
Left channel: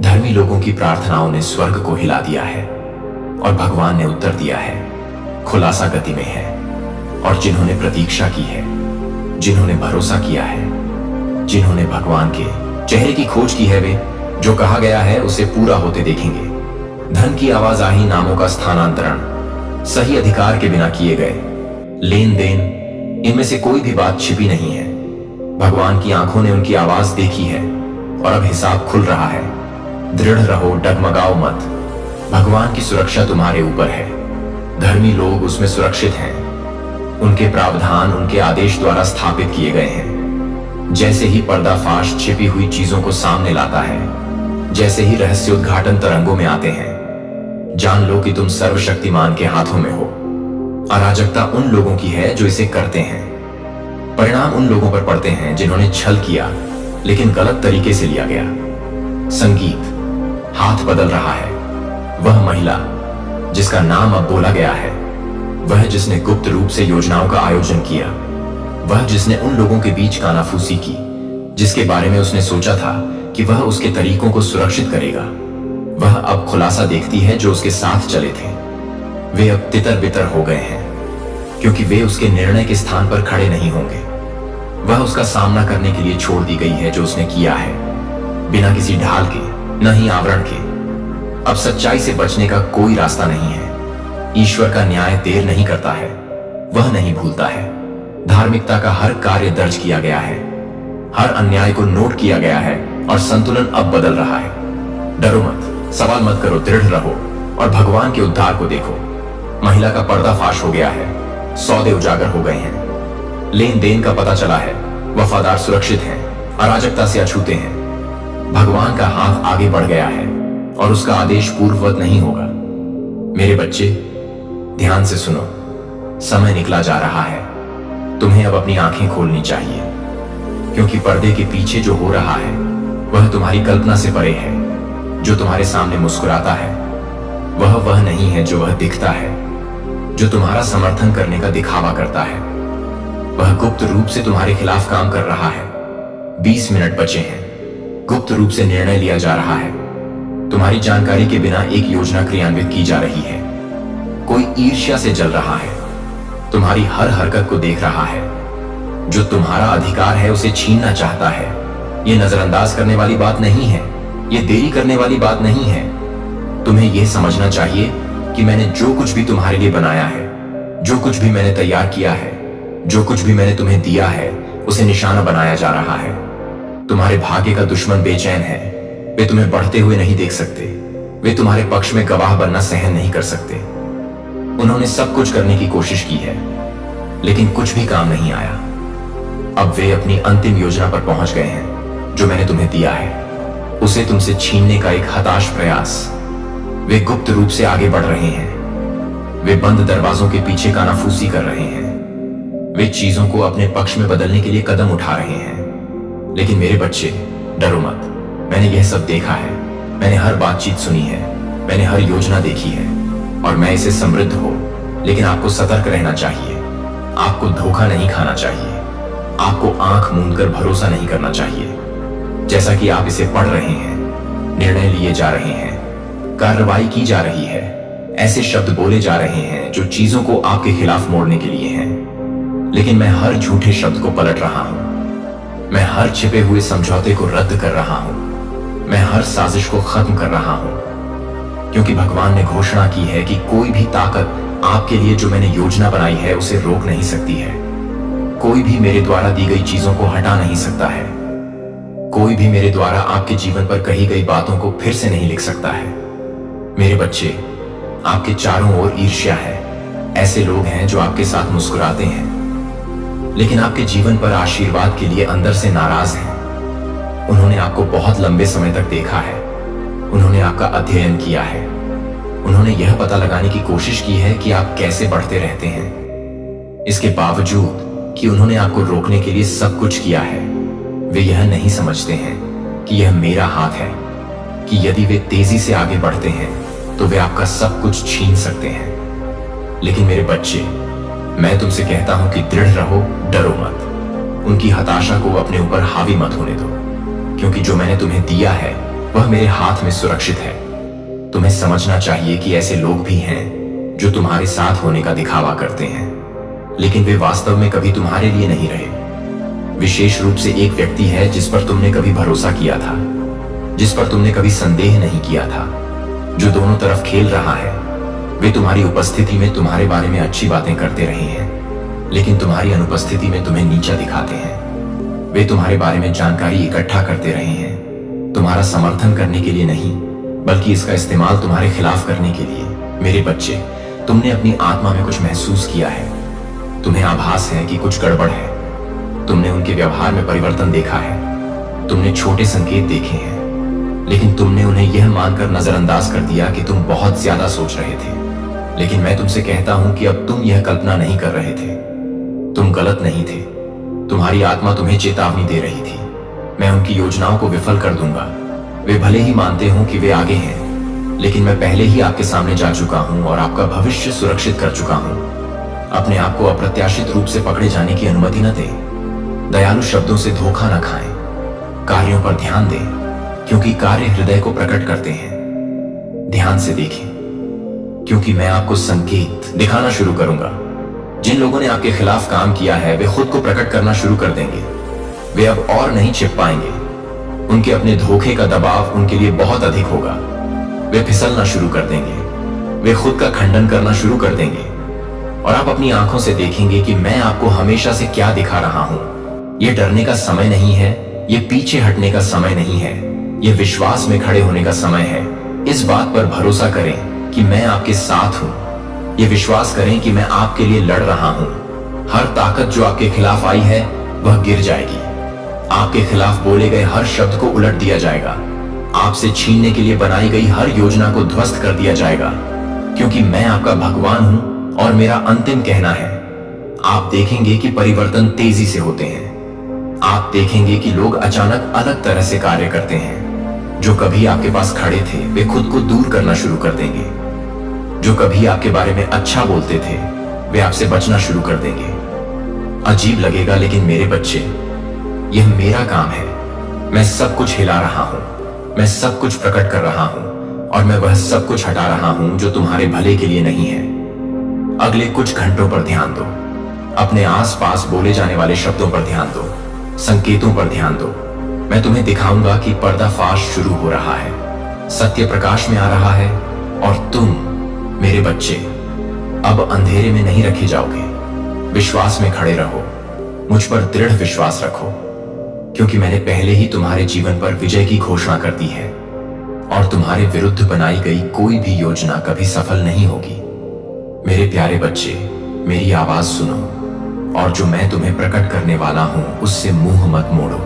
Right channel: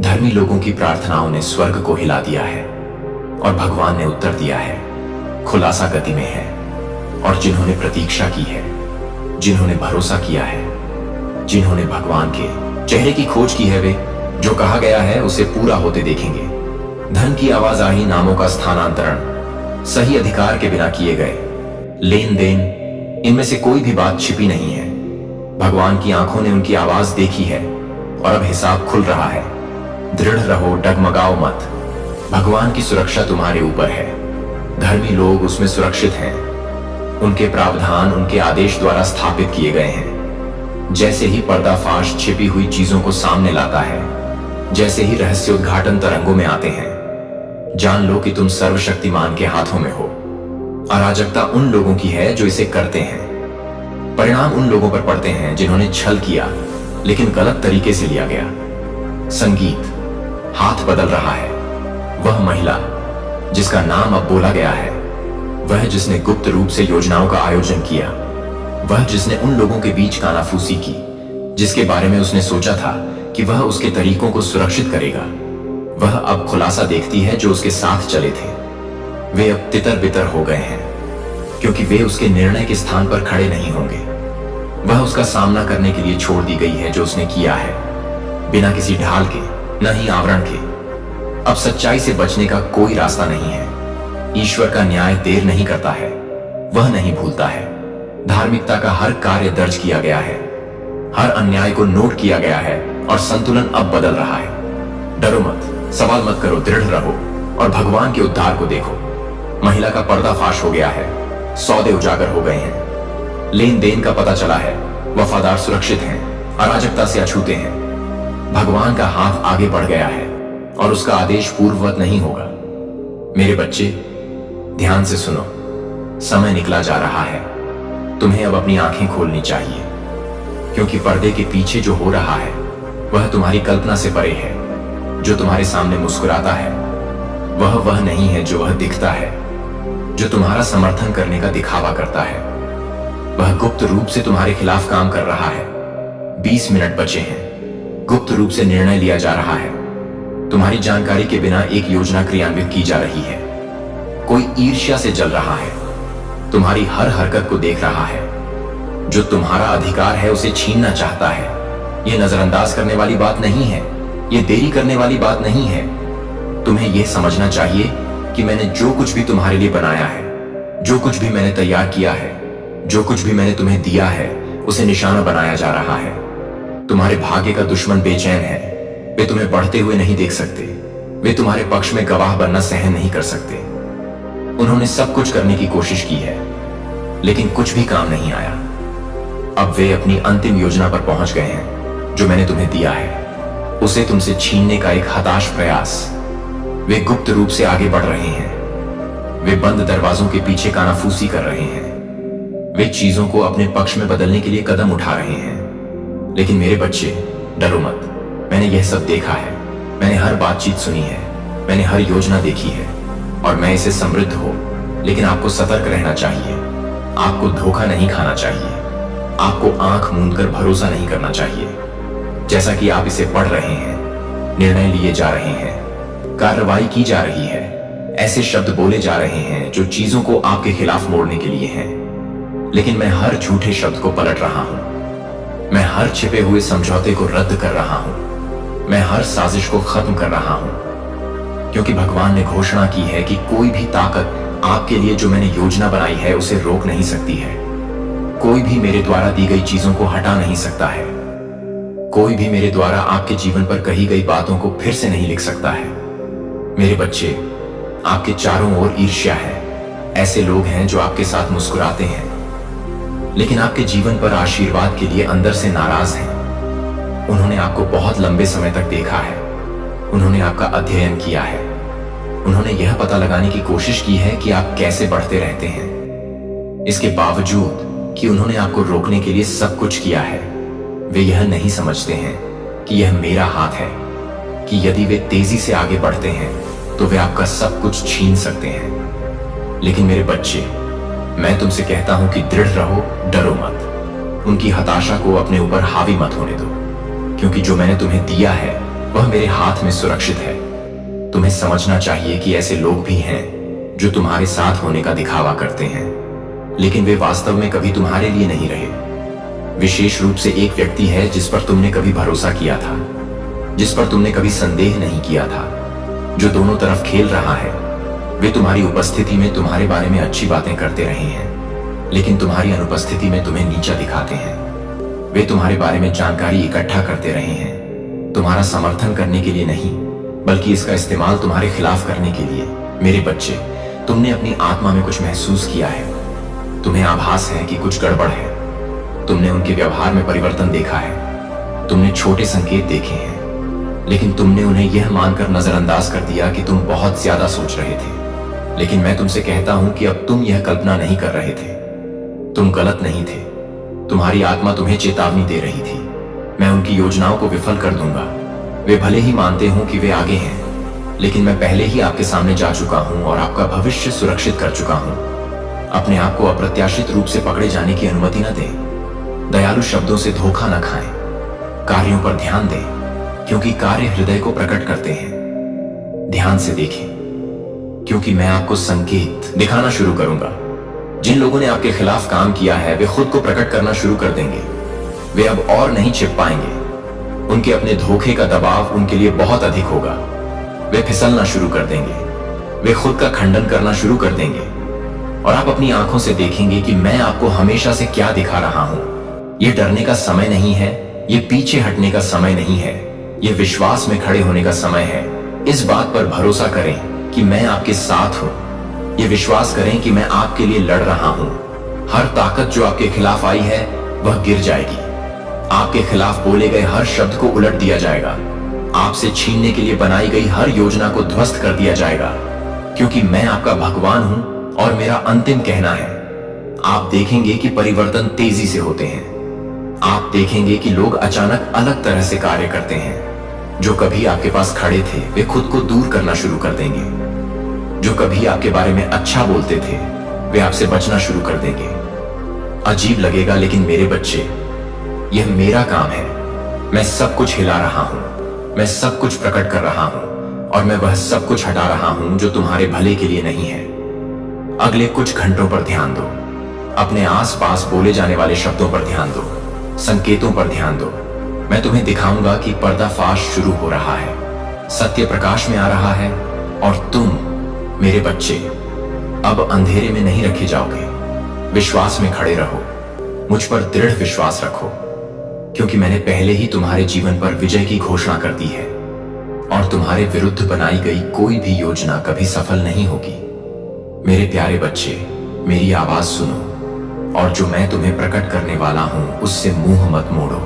धर्मी लोगों की प्रार्थनाओं ने स्वर्ग को हिला दिया है और भगवान ने उत्तर दिया है। खुलासा गति में है। और जिन्होंने प्रतीक्षा की है, जिन्होंने भरोसा किया है, जिन्होंने भगवान के चेहरे की खोज की है, वे जो कहा गया है उसे पूरा होते देखेंगे। धन की आवाजाही, नामों का स्थानांतरण सही अधिकार के बिना किए गए, लेन देन, इनमें से कोई भी बात छिपी नहीं है। भगवान की आंखों ने उनकी आवाज देखी है और अब हिसाब खुल रहा है। दृढ़ रहो, डगमगाओ मत। भगवान की सुरक्षा तुम्हारे ऊपर है। धर्मी लोग उसमें सुरक्षित हैं। उनके प्रावधान उनके आदेश द्वारा स्थापित किए गए हैं। जैसे ही पर्दाफाश छिपी हुई चीजों को सामने लाता है, जैसे ही रहस्योद्घाटन तरंगों में आते हैं, जान लो कि तुम सर्वशक्तिमान के हाथों में हो। अराजकता उन लोगों की है जो इसे करते हैं। परिणाम उन लोगों पर पड़ते हैं जिन्होंने छल किया, लेकिन गलत तरीके से लिया गया। संगीत, हाथ बदल रहा है। वह महिला जिसका नाम अब बोला गया है, वह जिसने गुप्त रूप से योजनाओं का आयोजन किया, वह जिसने उन लोगों के बीच कानाफूसी की जिसके बारे में उसने सोचा था कि वह उसके तरीकों को सुरक्षित करेगा, वह अब खुलासा देखती है जो उसके साथ चले थे। वे अब तितर बितर हो गए हैं, क्योंकि वे उसके निर्णय के स्थान पर खड़े नहीं होंगे। वह उसका सामना करने के लिए छोड़ दी गई है जो उसने किया है, बिना किसी ढाल के, न ही आवरण के। अब सच्चाई से बचने का कोई रास्ता नहीं है। ईश्वर का न्याय देर नहीं करता है, वह नहीं भूलता है। धार्मिकता का हर कार्य दर्ज किया गया है, हर अन्याय को नोट किया गया है और संतुलन अब बदल रहा है। डरो मत, सवाल मत करो, दृढ़ रहो और भगवान के उद्धार को देखो। महिला का पर्दाफाश हो गया है, सौदे उजागर हो गए हैं, लेन देन का पता चला है, वफादार सुरक्षित हैं, अराजकता से अछूते हैं। भगवान का हाथ आगे बढ़ गया है और उसका आदेश पूर्ववत नहीं होगा। मेरे बच्चे, ध्यान से सुनो, समय निकला जा रहा है। तुम्हें अब अपनी आंखें खोलनी चाहिए, क्योंकि पर्दे के पीछे जो हो रहा है वह तुम्हारी कल्पना से परे है। जो तुम्हारे सामने मुस्कुराता है वह नहीं है जो वह दिखता है, जो तुम्हारा समर्थन करने का दिखावा करता है। वह गुप्त रूप से तुम्हारे खिलाफ काम कर रहा है। 20 मिनट बचे हैं। गुप्त रूप से निर्णय लिया जा रहा है। तुम्हारी जानकारी के बिना एक योजना क्रियान्वित की जा रही है। कोई ईर्ष्या से जल रहा है, तुम्हारी हर हरकत को देख रहा है। जो तुम्हारा अधिकार है उसे छीनना चाहता है। यह नजरअंदाज करने वाली बात नहीं है, यह देरी करने वाली बात नहीं है। तुम्हें यह समझना चाहिए कि मैंने जो कुछ भी तुम्हारे लिए बनाया है, जो कुछ भी मैंने तैयार किया है, जो कुछ भी मैंने तुम्हें दिया है, उसे निशाना बनाया जा रहा है। तुम्हारे भाग्य का दुश्मन बेचैन है। वे तुम्हें बढ़ते हुए नहीं देख सकते। वे तुम्हारे पक्ष में गवाह बनना सहन नहीं कर सकते। उन्होंने सब कुछ करने की कोशिश की है, लेकिन कुछ भी काम नहीं आया। अब वे अपनी अंतिम योजना पर पहुंच गए हैं। जो मैंने तुम्हें दिया है उसे तुमसे छीनने का एक हताश प्रयास। वे गुप्त रूप से आगे बढ़ रहे हैं। वे बंद दरवाजों के पीछे कानाफूसी कर रहे हैं। वे चीजों को अपने पक्ष में बदलने के लिए कदम उठा रहे हैं। लेकिन मेरे बच्चे, डरो मत। मैंने यह सब देखा है। मैंने हर बातचीत सुनी है। मैंने हर योजना देखी है और मैं इसे समृद्ध हो। लेकिन आपको सतर्क रहना चाहिए। आपको धोखा नहीं खाना चाहिए। आपको आंख मूंदकर भरोसा नहीं करना चाहिए। जैसा कि आप इसे पढ़ रहे हैं, निर्णय लिए जा रहे हैं, कार्रवाई की जा रही है, ऐसे शब्द बोले जा रहे हैं जो चीजों को आपके खिलाफ मोड़ने के लिए हैं। लेकिन मैं हर झूठे शब्द को पलट रहा हूं। मैं हर छिपे हुए समझौते को रद्द कर रहा हूं। मैं हर साजिश को खत्म कर रहा हूं, क्योंकि भगवान ने घोषणा की है कि कोई भी ताकत आपके लिए जो मैंने योजना बनाई है उसे रोक नहीं सकती है। कोई भी मेरे द्वारा दी गई चीजों को हटा नहीं सकता है। कोई भी मेरे द्वारा आपके जीवन पर कही गई बातों को फिर से नहीं लिख सकता है। मेरे बच्चे, आपके चारों ओर ईर्ष्या है। ऐसे लोग हैं जो आपके साथ मुस्कुराते हैं, लेकिन आपके जीवन पर आशीर्वाद के लिए अंदर से नाराज हैं। उन्होंने आपको बहुत लंबे समय तक देखा है। उन्होंने आपका अध्ययन किया है। उन्होंने यह पता लगाने की कोशिश की है कि आप कैसे बढ़ते रहते हैं। इसके बावजूद कि उन्होंने आपको रोकने के लिए सब कुछ किया है, वे यह नहीं समझते हैं कि यह मेरा हाथ है, कि यदि वे तेजी से आगे बढ़ते हैं तो वे आपका सब कुछ छीन सकते हैं। लेकिन मेरे बच्चे, मैं तुमसे कहता हूं कि दृढ़ रहो, डरो मत। उनकी हताशा को अपने ऊपर हावी मत होने दो, क्योंकि जो मैंने तुम्हें दिया है वह मेरे हाथ में सुरक्षित है। तुम्हें समझना चाहिए कि ऐसे लोग भी हैं जो तुम्हारे साथ होने का दिखावा करते हैं, लेकिन वे वास्तव में कभी तुम्हारे लिए नहीं रहे। विशेष रूप से एक व्यक्ति है जिस पर तुमने कभी भरोसा किया था, जिस पर तुमने कभी संदेह नहीं किया था, जो दोनों तरफ खेल रहा है। वे तुम्हारी उपस्थिति में तुम्हारे बारे में अच्छी बातें करते रहे हैं, लेकिन तुम्हारी अनुपस्थिति में तुम्हें नीचा दिखाते हैं। वे तुम्हारे बारे में जानकारी इकट्ठा करते रहे हैं, तुम्हारा समर्थन करने के लिए नहीं, बल्कि इसका इस्तेमाल तुम्हारे खिलाफ करने के लिए। मेरे बच्चे, तुमने अपनी आत्मा में कुछ महसूस किया है। तुम्हें आभास है कि कुछ गड़बड़ है। तुमने उनके व्यवहार में परिवर्तन देखा है। तुमने छोटे संकेत देखे हैं, लेकिन तुमने उन्हें यह मानकर नजरअंदाज कर दिया कि तुम बहुत ज्यादा सोच रहे थे। लेकिन मैं तुमसे कहता हूं कि अब तुम यह कल्पना नहीं कर रहे थे। तुम गलत नहीं थे। तुम्हारी आत्मा तुम्हें चेतावनी दे रही थी। मैं उनकी योजनाओं को विफल कर दूंगा। वे भले ही मानते हों कि वे आगे हैं, लेकिन मैं पहले ही आपके सामने जा चुका हूं और आपका भविष्य सुरक्षित कर चुका हूं। अपने आप को अप्रत्याशित रूप से पकड़े जाने की अनुमति न दें। दयालु शब्दों से धोखा न खाएं। कार्यों पर ध्यान दें, क्योंकि कार्य हृदय को प्रकट करते हैं। ध्यान से देखें, क्योंकि मैं आपको संकेत दिखाना शुरू करूंगा। जिन लोगों ने आपके खिलाफ काम किया है वे खुद को प्रकट करना शुरू कर देंगे। वे अब और नहीं छिप पाएंगे। उनके अपने धोखे का दबाव उनके लिए बहुत अधिक होगा। वे फिसलना शुरू कर देंगे, वे खुद का खंडन करना शुरू कर देंगे और आप अपनी आंखों से देखेंगे कि मैं आपको हमेशा से क्या दिखा रहा हूं। यह डरने का समय नहीं है, यह पीछे हटने का समय नहीं है, यह विश्वास में खड़े होने का समय है। इस बात पर भरोसा करें कि मैं आपके साथ हूं। यह विश्वास करें कि मैं आपके लिए लड़ रहा हूं। हर ताकत जो आपके खिलाफ आई है वह गिर जाएगी। आपके खिलाफ बोले गए हर शब्द को उलट दिया जाएगा। आपसे छीनने के लिए बनाई गई हर योजना को ध्वस्त कर दिया जाएगा, क्योंकि मैं आपका भगवान हूं और मेरा अंतिम कहना है। आप देखेंगे कि परिवर्तन तेजी से होते हैं। आप देखेंगे कि लोग अचानक अलग तरह से कार्य करते हैं। जो कभी आपके पास खड़े थे वे खुद को दूर करना शुरू कर देंगे। जो कभी आपके बारे में अच्छा बोलते थे वे आपसे बचना शुरू कर देंगे। अजीब लगेगा, लेकिन मेरे बच्चे, यह मेरा काम है। मैं सब कुछ हिला रहा हूं, मैं सब कुछ प्रकट कर रहा हूं और मैं वह सब कुछ हटा रहा हूं जो तुम्हारे भले के लिए नहीं है। अगले कुछ घंटों पर ध्यान दो। अपने आसपास बोले जाने वाले शब्दों पर ध्यान दो, संकेतों पर ध्यान दो। मैं तुम्हें दिखाऊंगा कि पर्दाफाश शुरू हो रहा है, सत्य प्रकाश में आ रहा है और तुम मेरे बच्चे अब अंधेरे में नहीं रखे जाओगे। विश्वास में खड़े रहो, मुझ पर दृढ़ विश्वास रखो, क्योंकि मैंने पहले ही तुम्हारे जीवन पर विजय की घोषणा कर दी है और तुम्हारे विरुद्ध बनाई गई कोई भी योजना कभी सफल नहीं होगी। मेरे प्यारे बच्चे, मेरी आवाज सुनो और जो मैं तुम्हें प्रकट करने वाला हूं उससे मुंह मत मोड़ो,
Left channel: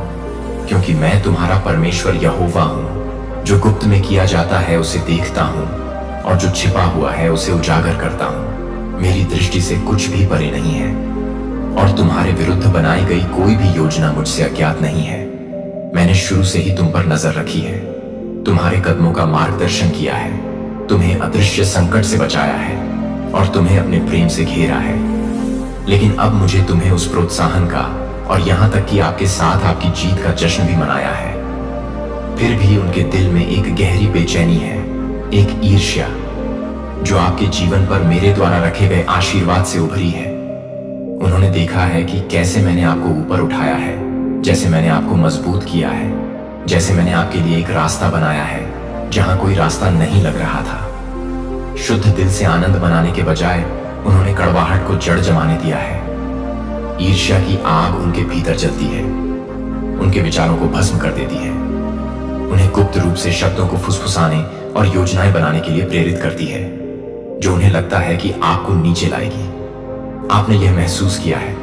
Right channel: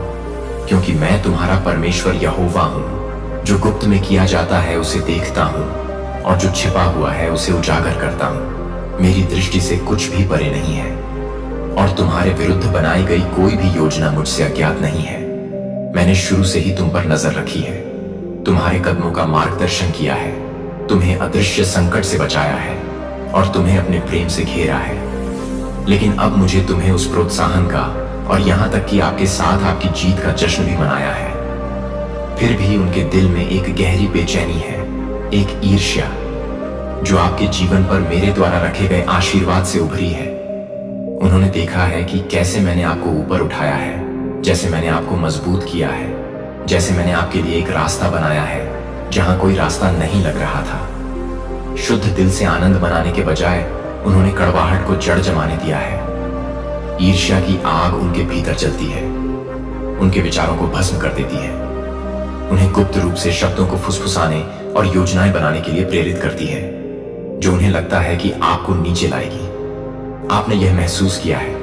क्योंकि मैं तुम्हारा परमेश्वर यहोवा हूं। जो गुप्त में किया जाता है उसे देखता हूं और जो छिपा हुआ है उसे उजागर करता हूं। मेरी दृष्टि से कुछ भी परे नहीं है और तुम्हारे विरुद्ध बनाई गई कोई भी योजना मुझसे अज्ञात नहीं है। मैंने शुरू से ही तुम पर नजर रखी है, तुम्हारे कदमों का मार्गदर्शन किया है, तुम्हें अदृश्य संकट से बचाया है और तुम्हें अपने प्रेम से घेरा है। लेकिन अब मुझे तुम्हें उस प्रोत्साहन का और यहां तक कि आपके साथ आपकी जीत का जश्न भी मनाया है। फिर भी उनके दिल में एक गहरी बेचैनी है, एक ईर्ष्या जो आपके जीवन पर मेरे द्वारा रखे गए आशीर्वाद से उभरी है। उन्होंने देखा है कि कैसे मैंने आपको ऊपर उठाया है, जैसे मैंने आपको मजबूत किया है, जैसे मैंने आपके लिए एक रास्ता बनाया है जहां कोई रास्ता नहीं लग रहा था। शुद्ध दिल से आनंद बनाने के बजाय उन्होंने कड़वाहट को जड़ जमाने दिया है। ईर्ष्या की आग उनके भीतर जलती है, उनके विचारों को भस्म कर देती है, उन्हें गुप्त रूप से शब्दों को फुसफुसाने और योजनाएं बनाने के लिए प्रेरित करती है, जो उन्हें लगता है कि आपको नीचे लाएगी। आपने यह महसूस किया है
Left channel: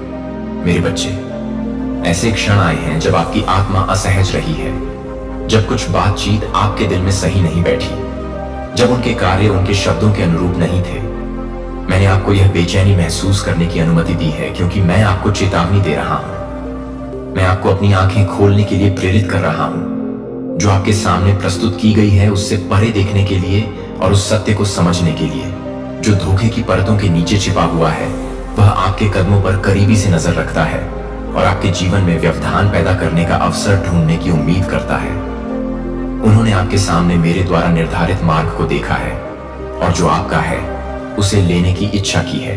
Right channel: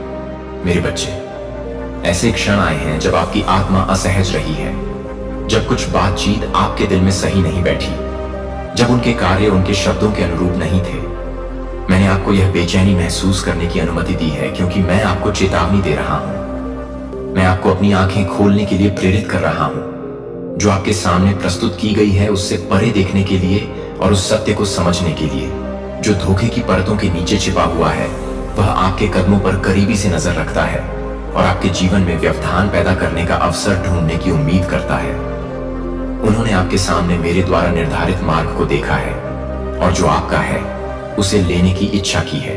मेरे बच्चे। ऐसे क्षण आए हैं जब आपकी आत्मा असहज रही है, जब कुछ बातचीत आपके दिल में सही नहीं बैठी, जब उनके कार्य उनके शब्दों के अनुरूप नहीं थे। मैंने आपको यह बेचैनी महसूस करने की अनुमति दी है, क्योंकि मैं आपको चेतावनी दे रहा हूं। मैं आपको अपनी आंखें खोलने के लिए प्रेरित कर रहा हूं। जो आपके सामने प्रस्तुत की गई है उससे परे देखने के लिए और उस सत्य को समझने के लिए जो धोखे की परतों के नीचे छिपा हुआ है। वह आपके कदमों पर करीबी से नजर रखता है और आपके जीवन में व्यवधान पैदा करने का अवसर ढूंढने की उम्मीद करता है। उन्होंने आपके सामने मेरे द्वारा निर्धारित मार्ग को देखा है और जो आपका है उसे लेने की इच्छा की है।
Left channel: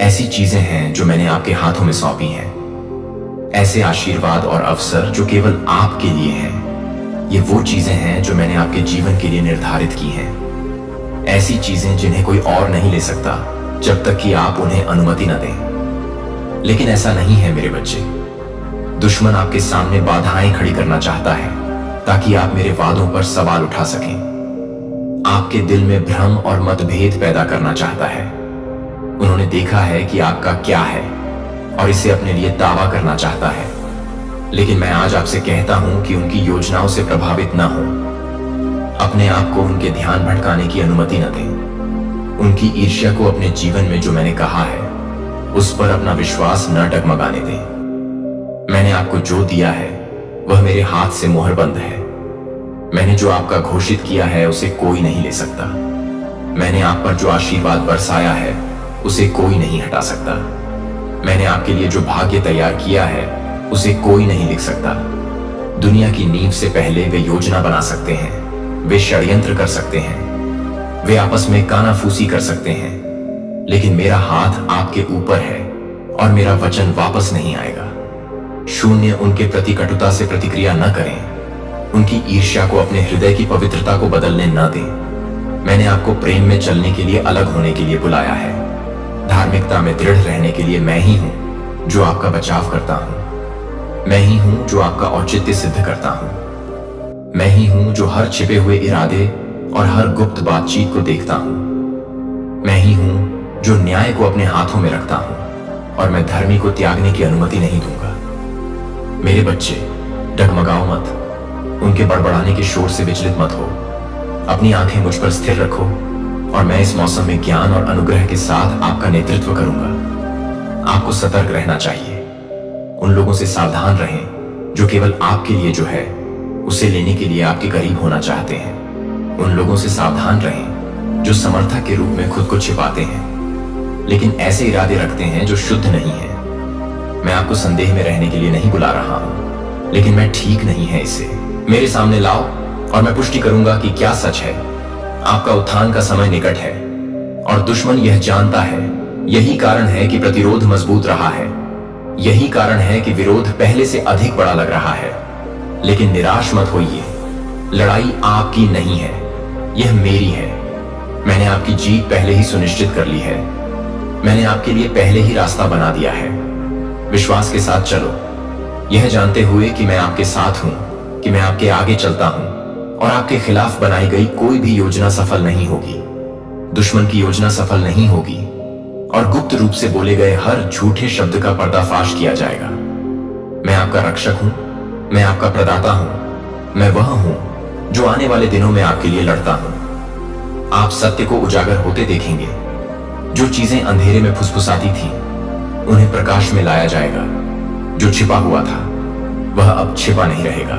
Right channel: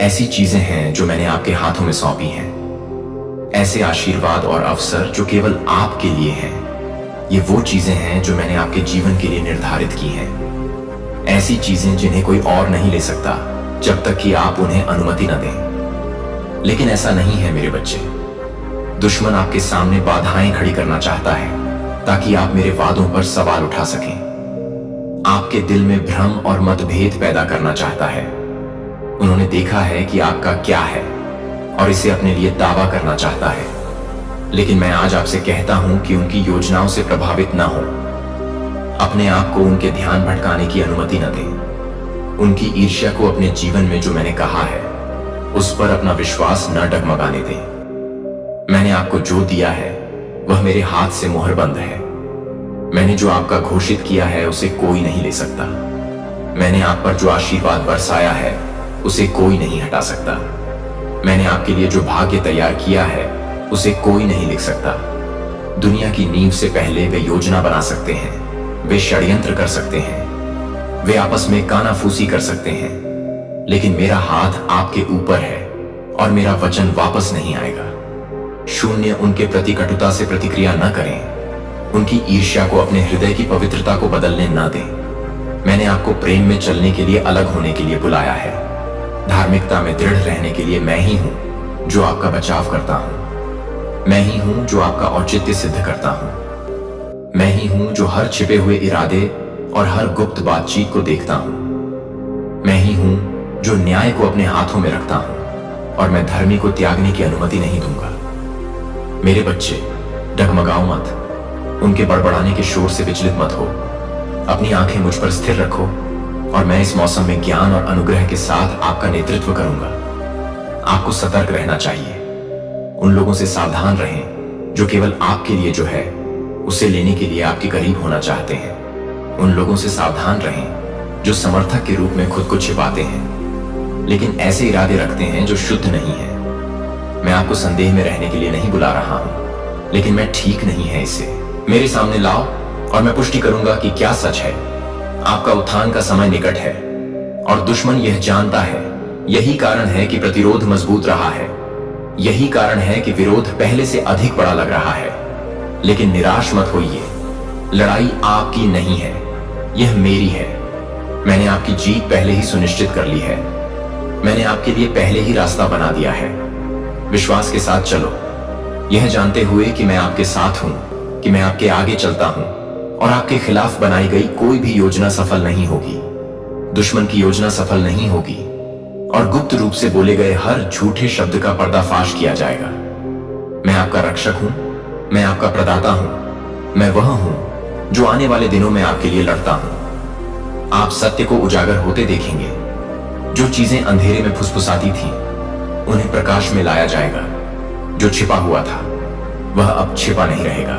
ऐसी चीजें हैं जो मैंने आपके हाथों में सौंपी हैं, ऐसे आशीर्वाद और अवसर जो केवल आपके लिए हैं। ये वो चीजें हैं जो मैंने आपके जीवन के लिए निर्धारित की हैं, ऐसी चीजें जिन्हें कोई और नहीं ले सकता जब तक कि आप उन्हें अनुमति न दें। लेकिन ऐसा नहीं है मेरे बच्चे। दुश्मन आपके सामने बाधाएं खड़ी करना चाहता है ताकि आप मेरे वादों पर सवाल उठा सकें। आपके दिल में भ्रम और मतभेद पैदा करना चाहता है। उन्होंने देखा है कि आपका क्या है और इसे अपने लिए दावा करना चाहता है। लेकिन मैं आज आपसे कहता हूं कि उनकी योजनाओं से प्रभावित ना हो। अपने आप को उनके ध्यान भटकाने की अनुमति न दें। उनकी ईर्ष्या को अपने जीवन में जो मैंने कहा है उस पर अपना विश्वास न डगमगाने दें। मैंने आपको जो दिया है वह मेरे हाथ से मुहरबंद है। मैंने जो आपका घोषित किया है उसे कोई नहीं ले सकता। मैंने आप पर जो आशीर्वाद बरसाया है उसे कोई नहीं हटा सकता। मैंने आपके लिए जो भाग्य तैयार किया है उसे कोई नहीं लिख सकता। दुनिया की नींव से पहले वे योजना बना सकते हैं, वे षड्यंत्र कर सकते हैं, वे आपस में कानाफूसी कर सकते हैं, लेकिन मेरा हाथ आपके ऊपर है और मेरा वचन वापस नहीं आएगा। शून्य उनके प्रति कटुता से प्रतिक्रिया न करें उनकी ईर्ष्या को अपने हृदय की पवित्रता को बदलने न दें। मैंने आपको प्रेम में चलने के लिए, अलग होने के लिए बुलाया है। धार्मिकता में दृढ़ रहने के लिए मैं ही हूं जो आपका बचाव करता हूं। मैं ही हूं जो आपका औचित्य सिद्ध करता हूं। मैं ही हूं जो हर छिपे हुए इरादे और हर गुप्त बातचीत को देखता हूं। मैं ही हूं जो न्याय को अपने हाथों में रखता हूं और मैं धर्मी को त्यागने की अनुमति नहीं दूंगा। मेरे बच्चे, डगमगाओ मत, उनके बड़बड़ाने के शोर से विचलित मत हो। अपनी आंखें मुझ पर स्थिर रखो और मैं इस मौसम में ज्ञान और अनुग्रह के साथ आपका नेतृत्व करूंगा। आपको सतर्क रहना चाहिए। उन लोगों से सावधान रहें जो केवल आपके लिए जो है उसे लेने के लिए आपके करीब होना चाहते हैं। उन लोगों से सावधान रहें जो समर्थक के रूप में खुद को छिपाते हैं, लेकिन ऐसे इरादे रखते हैं जो शुद्ध नहीं है। मैं आपको संदेह में रहने के लिए नहीं बुला रहा हूं, लेकिन मैं ठीक नहीं है इसे मेरे सामने लाओ और मैं पुष्टि करूंगा कि क्या सच है। आपका उत्थान का समय निकट है और दुश्मन यह जानता है। यही कारण है कि प्रतिरोध मजबूत रहा है। यही कारण है कि विरोध पहले से अधिक बड़ा लग रहा है। लेकिन निराश मत होइए, लड़ाई आपकी नहीं है, यह मेरी है। मैंने आपकी जीत पहले ही सुनिश्चित कर ली है। मैंने आपके लिए पहले ही रास्ता बना दिया है। विश्वास के साथ चलो, यह जानते हुए कि मैं आपके साथ हूं, कि मैं आपके आगे चलता हूं और आपके खिलाफ बनाई गई कोई भी योजना सफल नहीं होगी। दुश्मन की योजना सफल नहीं होगी और गुप्त रूप से बोले गए हर झूठे शब्द का पर्दाफाश किया जाएगा। मैं आपका रक्षक हूं, मैं आपका प्रदाता हूं, मैं वह हूं जो आने वाले दिनों में आपके लिए लड़ता हूं। आप सत्य को उजागर होते देखेंगे। जो चीजें अंधेरे में फुसफुसाती थी उन्हें प्रकाश में लाया जाएगा। जो छिपा हुआ था वह अब छिपा नहीं रहेगा।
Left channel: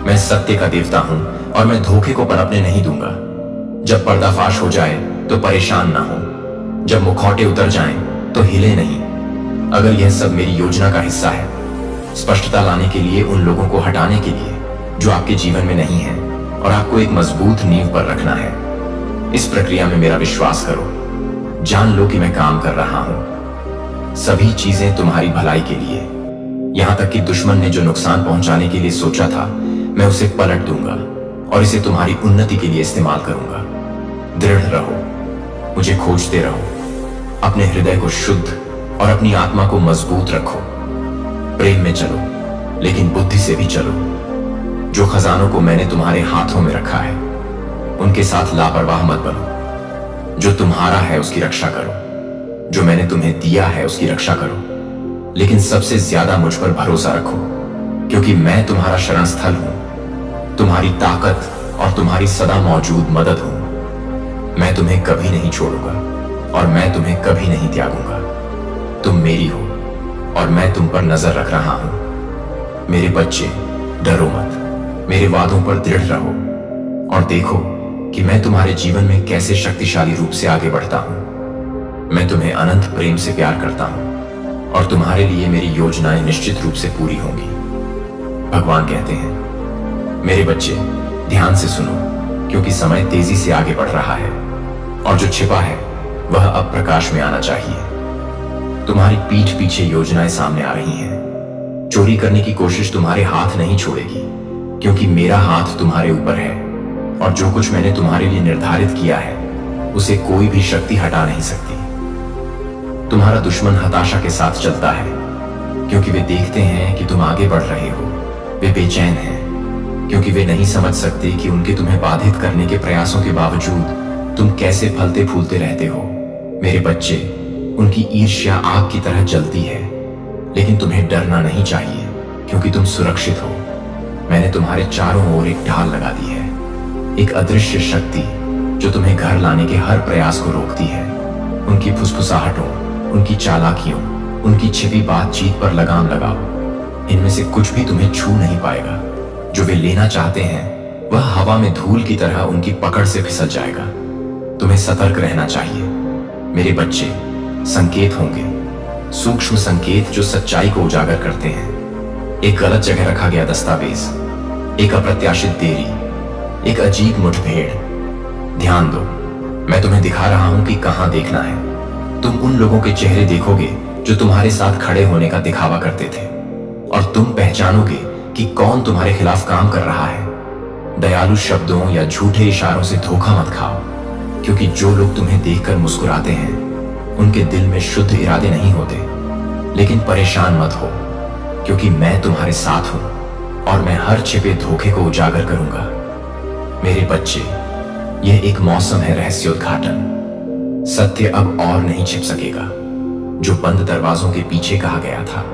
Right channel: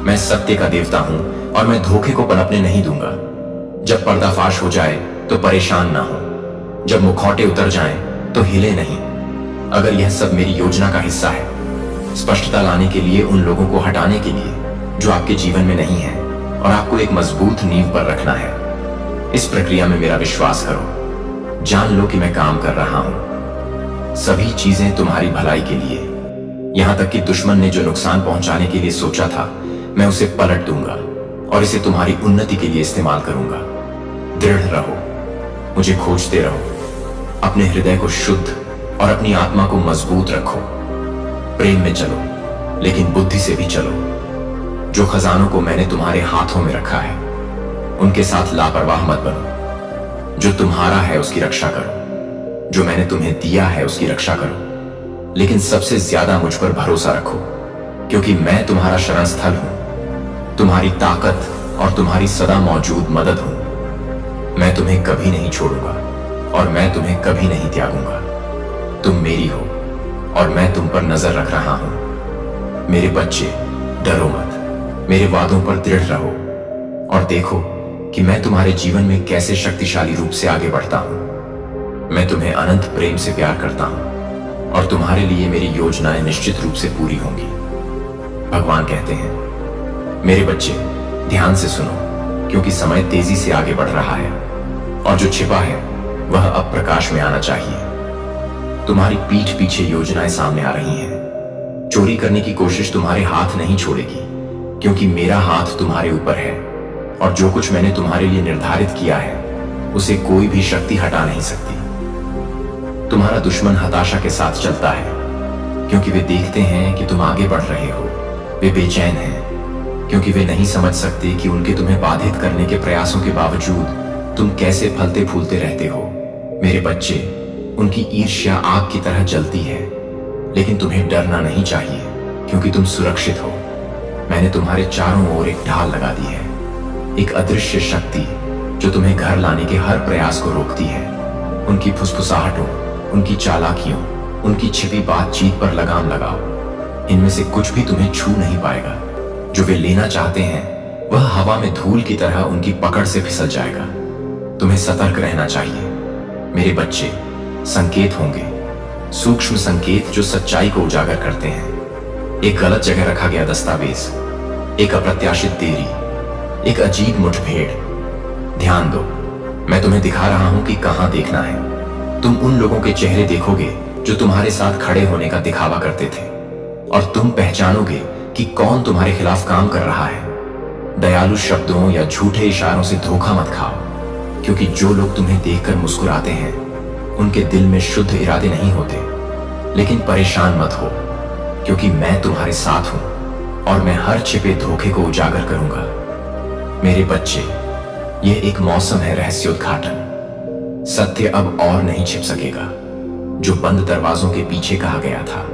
मैं सत्य का देवता हूं और मैं धोखे को पनपने नहीं दूंगा। जब पर्दाफाश हो जाए तो परेशान ना हो, जब मुखौटे उतर जाएं तो हिले नहीं। अगर यह सब मेरी योजना का हिस्सा है, स्पष्टता लाने के लिए, उन लोगों को हटाने के लिए जो आपके जीवन में नहीं है और आपको एक मजबूत नींव पर रखना है। इस प्रक्रिया में मेरा विश्वास करो। जान लो कि मैं काम कर रहा हूं। सभी चीजें तुम्हारी भलाई के लिए। यहां तक कि दुश्मन ने जो नुकसान पहुंचाने के लिए सोचा था, मैं उसे पलट दूंगा और इसे तुम्हारी उन्नति के लिए इस्तेमाल करूंगा। दृढ़ रहो, मुझे खोजते रहो, अपने हृदय को शुद्ध और अपनी आत्मा को मजबूत रखो। प्रेम में चलो, लेकिन बुद्धि से भी चलो। जो खजानों को मैंने तुम्हारे हाथों में रखा है उनके साथ लापरवाह मत बनो। जो तुम्हारा है उसकी रक्षा करो। जो मैंने तुम्हें दिया है उसकी रक्षा करो, लेकिन सबसे ज्यादा मुझ पर भरोसा रखो, क्योंकि मैं तुम्हारा शरण स्थल हूं, तुम्हारी ताकत और तुम्हारी सदा मौजूद मदद हूं। मैं तुम्हें कभी नहीं छोड़ूंगा और मैं तुम्हें कभी नहीं त्यागूंगा। तुम मेरी हो और मैं तुम पर नजर रख रहा हूं। मेरे बच्चे, डरो मत, मेरे वादों पर दृढ़ रहो और देखो कि मैं तुम्हारे जीवन में कैसे शक्तिशाली रूप से आगे बढ़ता हूं। मैं तुम्हें अनंत प्रेम से प्यार करता हूं और तुम्हारे लिए मेरी योजनाएं निश्चित रूप से पूरी होंगी। भगवान कहते हैं, मेरे बच्चे ध्यान से सुनो, क्योंकि समय तेजी से आगे बढ़ रहा है और जो छिपा है वह अब प्रकाश में आना चाहिए। तुम्हारी पीठ पीछे योजनाएं सामने आ रही हैं। चोरी करने की कोशिश तुम्हारे हाथ नहीं छोड़ेगी, क्योंकि मेरा हाथ तुम्हारे ऊपर है और जो कुछ मैंने तुम्हारे लिए निर्धारित किया है उसे कोई भी शक्ति हटा नहीं सकती। तुम्हारा दुश्मन हताशा के साथ चलता है, क्योंकि वे देखते हैं कि तुम आगे बढ़ रहे हो। वे बेचैन हैं क्योंकि वे नहीं समझ सकते कि उनके तुम्हें बाधित करने के प्रयासों के बावजूद तुम कैसे फलते फूलते रहते हो। मेरे बच्चे, उनकी ईर्ष्या आग की तरह जलती है, लेकिन तुम्हें डरना नहीं चाहिए, क्योंकि तुम सुरक्षित हो। मैंने तुम्हारे चारों ओर एक ढाल लगा दी है, एक अदृश्य शक्ति जो तुम्हें घर लाने के हर प्रयास को रोकती है। उनकी फुसफुसाहटों, उनकी चालाकियों, उनकी छिपी बातचीत पर लगाम लगाओ। इनमें से कुछ भी तुम्हें छू नहीं पाएगा। जो वे लेना चाहते हैं वह हवा में धूल की तरह उनकी पकड़ से फिसल जाएगा। तुम्हें सतर्क रहना चाहिए। मेरे बच्चे, संकेत होंगे, सूक्ष्म संकेत जो सच्चाई को उजागर करते हैं। एक गलत जगह रखा गया दस्तावेज, एक अप्रत्याशित देरी, एक अजीब मुठभेड़। ध्यान दो, मैं तुम्हें दिखा रहा हूं कि कहां देखना है। तुम उन लोगों के चेहरे देखोगे जो तुम्हारे साथ खड़े होने का दिखावा करते थे, और तुम पहचानोगे कि कि कौन तुम्हारे खिलाफ काम कर रहा है। दयालु शब्दों या झूठे इशारों से धोखा मत खाओ, क्योंकि जो लोग तुम्हें देखकर मुस्कुराते हैं उनके दिल में शुद्ध इरादे नहीं होते। लेकिन परेशान मत हो, क्योंकि मैं तुम्हारे साथ हूं और मैं हर छिपे धोखे को उजागर करूंगा। मेरे बच्चे, यह एक मौसम है रहस्योद्घाटन। सत्य अब और नहीं छिप सकेगा। जो बंद दरवाजों के पीछे कहा गया था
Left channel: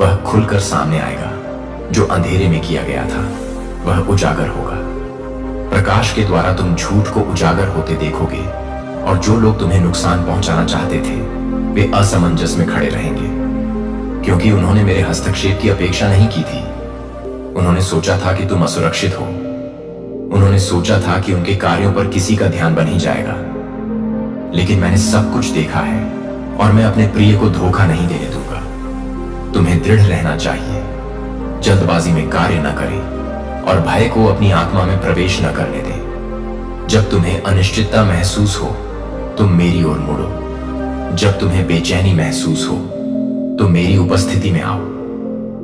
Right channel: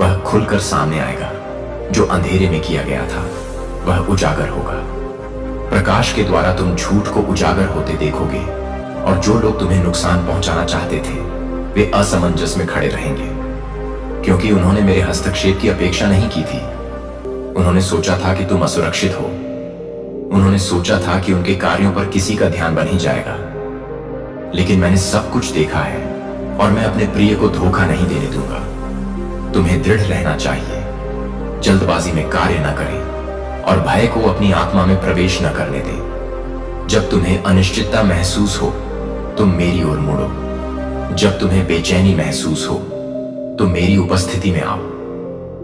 वह खुलकर सामने आएगा। जो अंधेरे में किया गया था वह उजागर होगा। प्रकाश के द्वारा तुम झूठ को उजागर होते देखोगे, और जो लोग तुम्हें नुकसान पहुंचाना चाहते थे वे असमंजस में खड़े रहेंगे, क्योंकि उन्होंने मेरे हस्तक्षेप की अपेक्षा नहीं की थी। उन्होंने सोचा था कि तुम असुरक्षित हो। उन्होंने सोचा था कि उनके कार्यों पर किसी का ध्यान बन ही जाएगा। लेकिन मैंने सब कुछ देखा है और मैं अपने प्रिय को धोखा नहीं देने दूंगा। तुम्हें दृढ़ रहना चाहिए, जल्दबाजी में कार्य न करें और भय को अपनी आत्मा में प्रवेश न करने दें। जब तुम्हें अनिश्चितता महसूस हो तो मेरी ओर मुड़ो। जब तुम्हें बेचैनी महसूस हो तो मेरी उपस्थिति में आओ।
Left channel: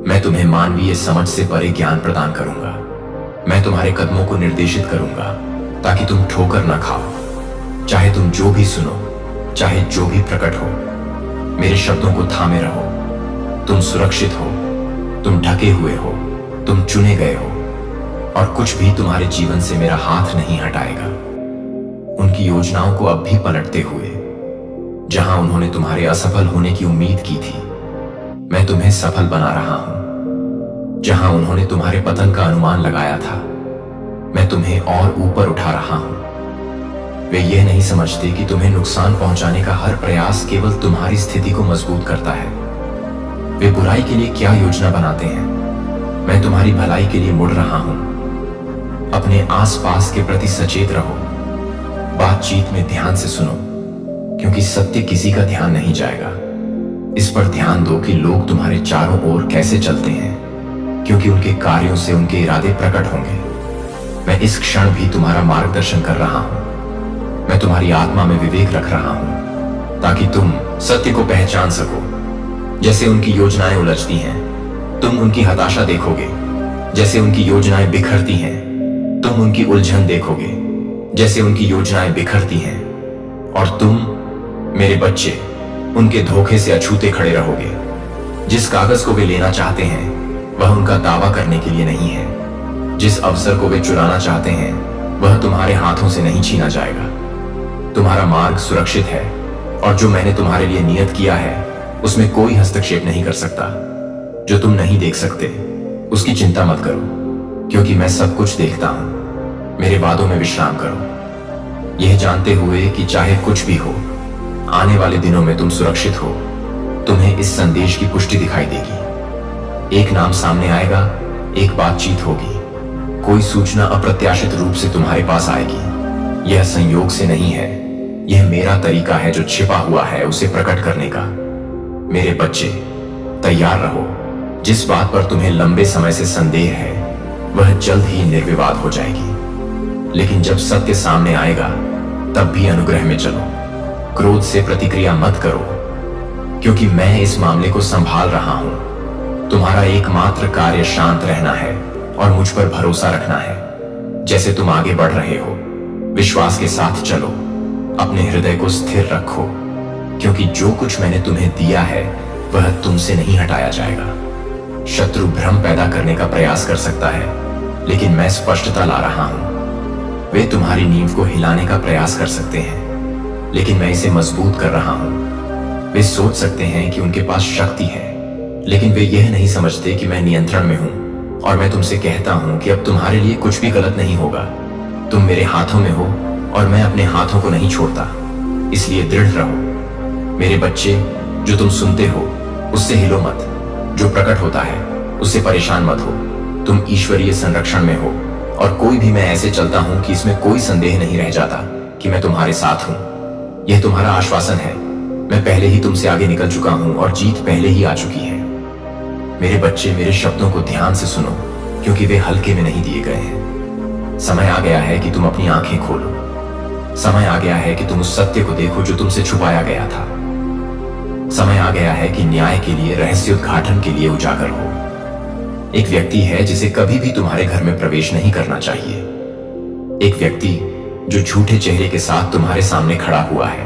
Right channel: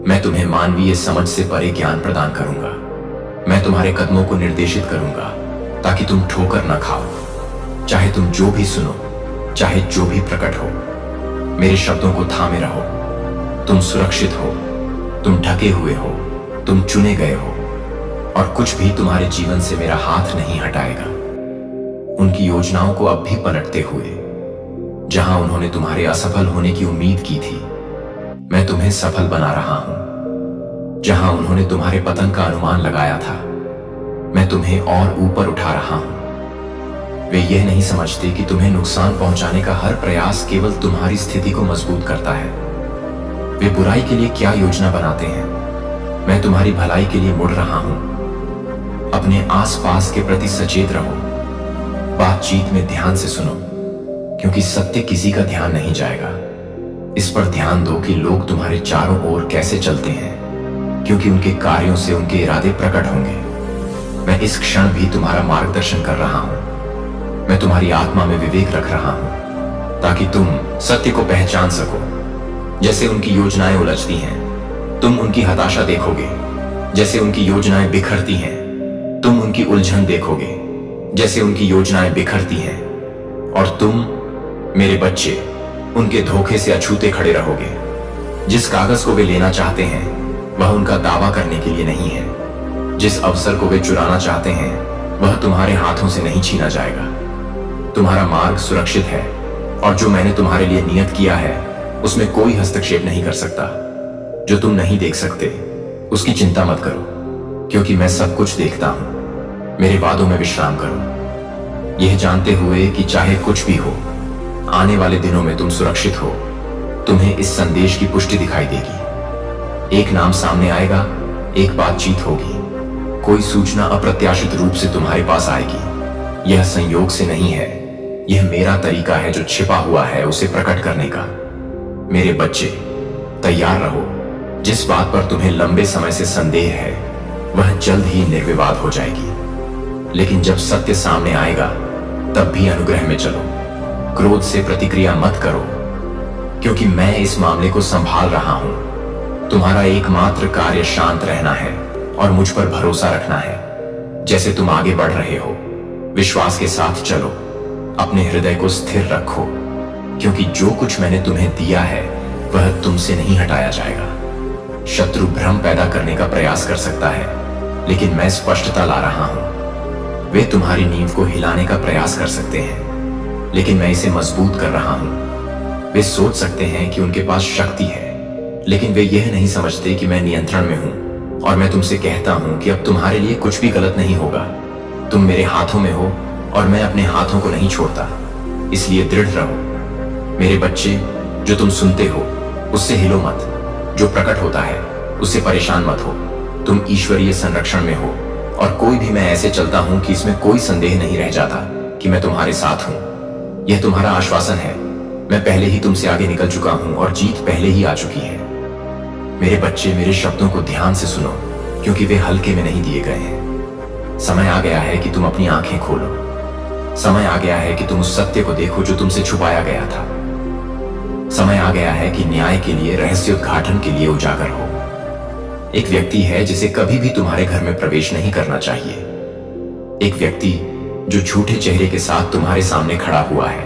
मैं तुम्हें मानवीय समझ से परे ज्ञान प्रदान करूंगा। मैं तुम्हारे कदमों को निर्देशित करूंगा ताकि तुम ठोकर न खाओ। चाहे तुम जो भी सुनो, चाहे जो भी प्रकट हो, मेरे शब्दों को थामे रहो। तुम सुरक्षित हो, तुम ढके हुए हो, तुम चुने गए हो, और कुछ भी तुम्हारे जीवन से मेरा हाथ नहीं हटाएगा। उनकी योजनाओं को अब भी पलटते हुए, जहां उन्होंने तुम्हारे असफल होने की उम्मीद की थी, मैं तुम्हें सफल बना रहा हूं। जहां उन्होंने तुम्हारे पतन का अनुमान लगाया था, मैं तुम्हें और ऊपर उठा रहा हूं। वे यह नहीं समझते कि तुम्हें नुकसान पहुंचाने का हर प्रयास केवल तुम्हारी स्थिति को मजबूत करता है। वे बुराई के लिए क्या योजना बनाते हैं, मैं तुम्हारी भलाई के लिए मुड़ रहा हूं। अपने आसपास के प्रति सचेत रहो। बातचीत में ध्यान से सुनो, क्योंकि सत्य किसी का ध्यान नहीं जाएगा। इस पर ध्यान दो कि लोग तुम्हारे चारों ओर कैसे चलते हैं, क्योंकि उनके कार्यों से उनके इरादे प्रकट होंगे। मैं इस क्षण भी तुम्हारा मार्गदर्शन कर रहा हूं। मैं तुम्हारी आत्मा में विवेक रख रहा हूं ताकि तुम सत्य को पहचान सको। जैसे उनकी योजनाएं उलझती हैं, तुम उनकी हताशा देखोगे। जैसे उनकी योजनाएं बिखरती हैं, तुम उनकी उलझन देखोगे। जैसे उनकी योजनाएं बिखरती हैं और तुम, मेरे बच्चे, उनके धोखे से अछूते खड़े रहोगे। जिस कागज को वे लेना चाहते हैं वह उनका दावा करने के लिए नहीं है। जिस अवसर को वे चुराना चाहते हैं वह तुम्हारे हाथों से नहीं छीना जाएगा। तुम्हारा मार्ग सुरक्षित है, और जो मैंने तुम्हारे लिए नियत किया है उसमें कोई हस्तक्षेप नहीं कर सकता। जो तुम नहीं देख सकते उसकी चिंता मत करो, क्योंकि मैं सब कुछ देखता हूं। मेरे वादों में विश्राम करो, यह जानते हुए कि चाहे कुछ भी हो, आने वाले दिनों में तुम सुरक्षित हो। तुम्हें इस संदेश की पुष्टि दिखाई देगी। एक नाम सामने आएगा, एक बातचीत होगी, कोई सूचना अप्रत्याशित रूप से तुम्हारे पास आएगी। यह संयोग से नहीं है, यह मेरा तरीका है जो छिपा हुआ है उसे प्रकट करने का। मेरे बच्चे, तैयार रहो। जिस बात पर तुम्हें लंबे समय से संदेह है वह जल्द ही निर्विवाद हो जाएगी। लेकिन जब सत्य सामने आएगा तब भी अनुग्रह में चलो। क्रोध से प्रतिक्रिया मत करो, क्योंकि मैं इस मामले को संभाल रहा हूं। तुम्हारा एकमात्र कार्य शांत रहना है और मुझ पर भरोसा रखना है। जैसे तुम आगे बढ़ रहे हो, विश्वास के साथ चलो। अपने हृदय को स्थिर रखो, क्योंकि जो कुछ मैंने तुम्हें दिया है वह तुमसे नहीं हटाया जाएगा। शत्रु भ्रम पैदा करने का प्रयास कर सकता है, लेकिन मैं स्पष्टता ला रहा हूं। वे तुम्हारी नींव को हिलाने का प्रयास कर सकते हैं, लेकिन मैं इसे मजबूत कर रहा हूं। वे सोच सकते हैं कि उनके पास शक्ति है, लेकिन वे यह नहीं समझते कि मैं नियंत्रण में हूं। और मैं तुमसे कहता हूं कि अब तुम्हारे लिए कुछ भी गलत नहीं होगा। तुम मेरे हाथों में हो और मैं अपने हाथों को नहीं छोड़ता, इसलिए दृढ़ रहो। मेरे बच्चे, जो तुम सुनते हो उससे हिलो मत। जो प्रकट होता है उससे परेशान मत हो। तुम ईश्वरीय संरक्षण में हो, और कोई भी मैं ऐसे चलता हूं कि इसमें कोई संदेह नहीं रह जाता कि मैं तुम्हारे साथ हूं। यह तुम्हारा आश्वासन है। मैं पहले ही तुमसे आगे निकल चुका हूं और जीत पहले ही आ चुकी है। मेरे बच्चे, मेरे शब्दों को ध्यान से सुनो, क्योंकि वे हल्के में नहीं दिए गए हैं। समय आ गया है कि तुम अपनी आंखें खोलो। समय आ गया है कि तुम उस सत्य को देखो जो तुमसे छुपाया गया था। समय आ गया है कि न्याय के लिए, रहस्योद्घाटन के लिए उजागर हो। एक व्यक्ति है जिसे कभी भी तुम्हारे घर में प्रवेश नहीं करना चाहिए। एक व्यक्ति जो झूठे चेहरे के साथ तुम्हारे सामने खड़ा हुआ है,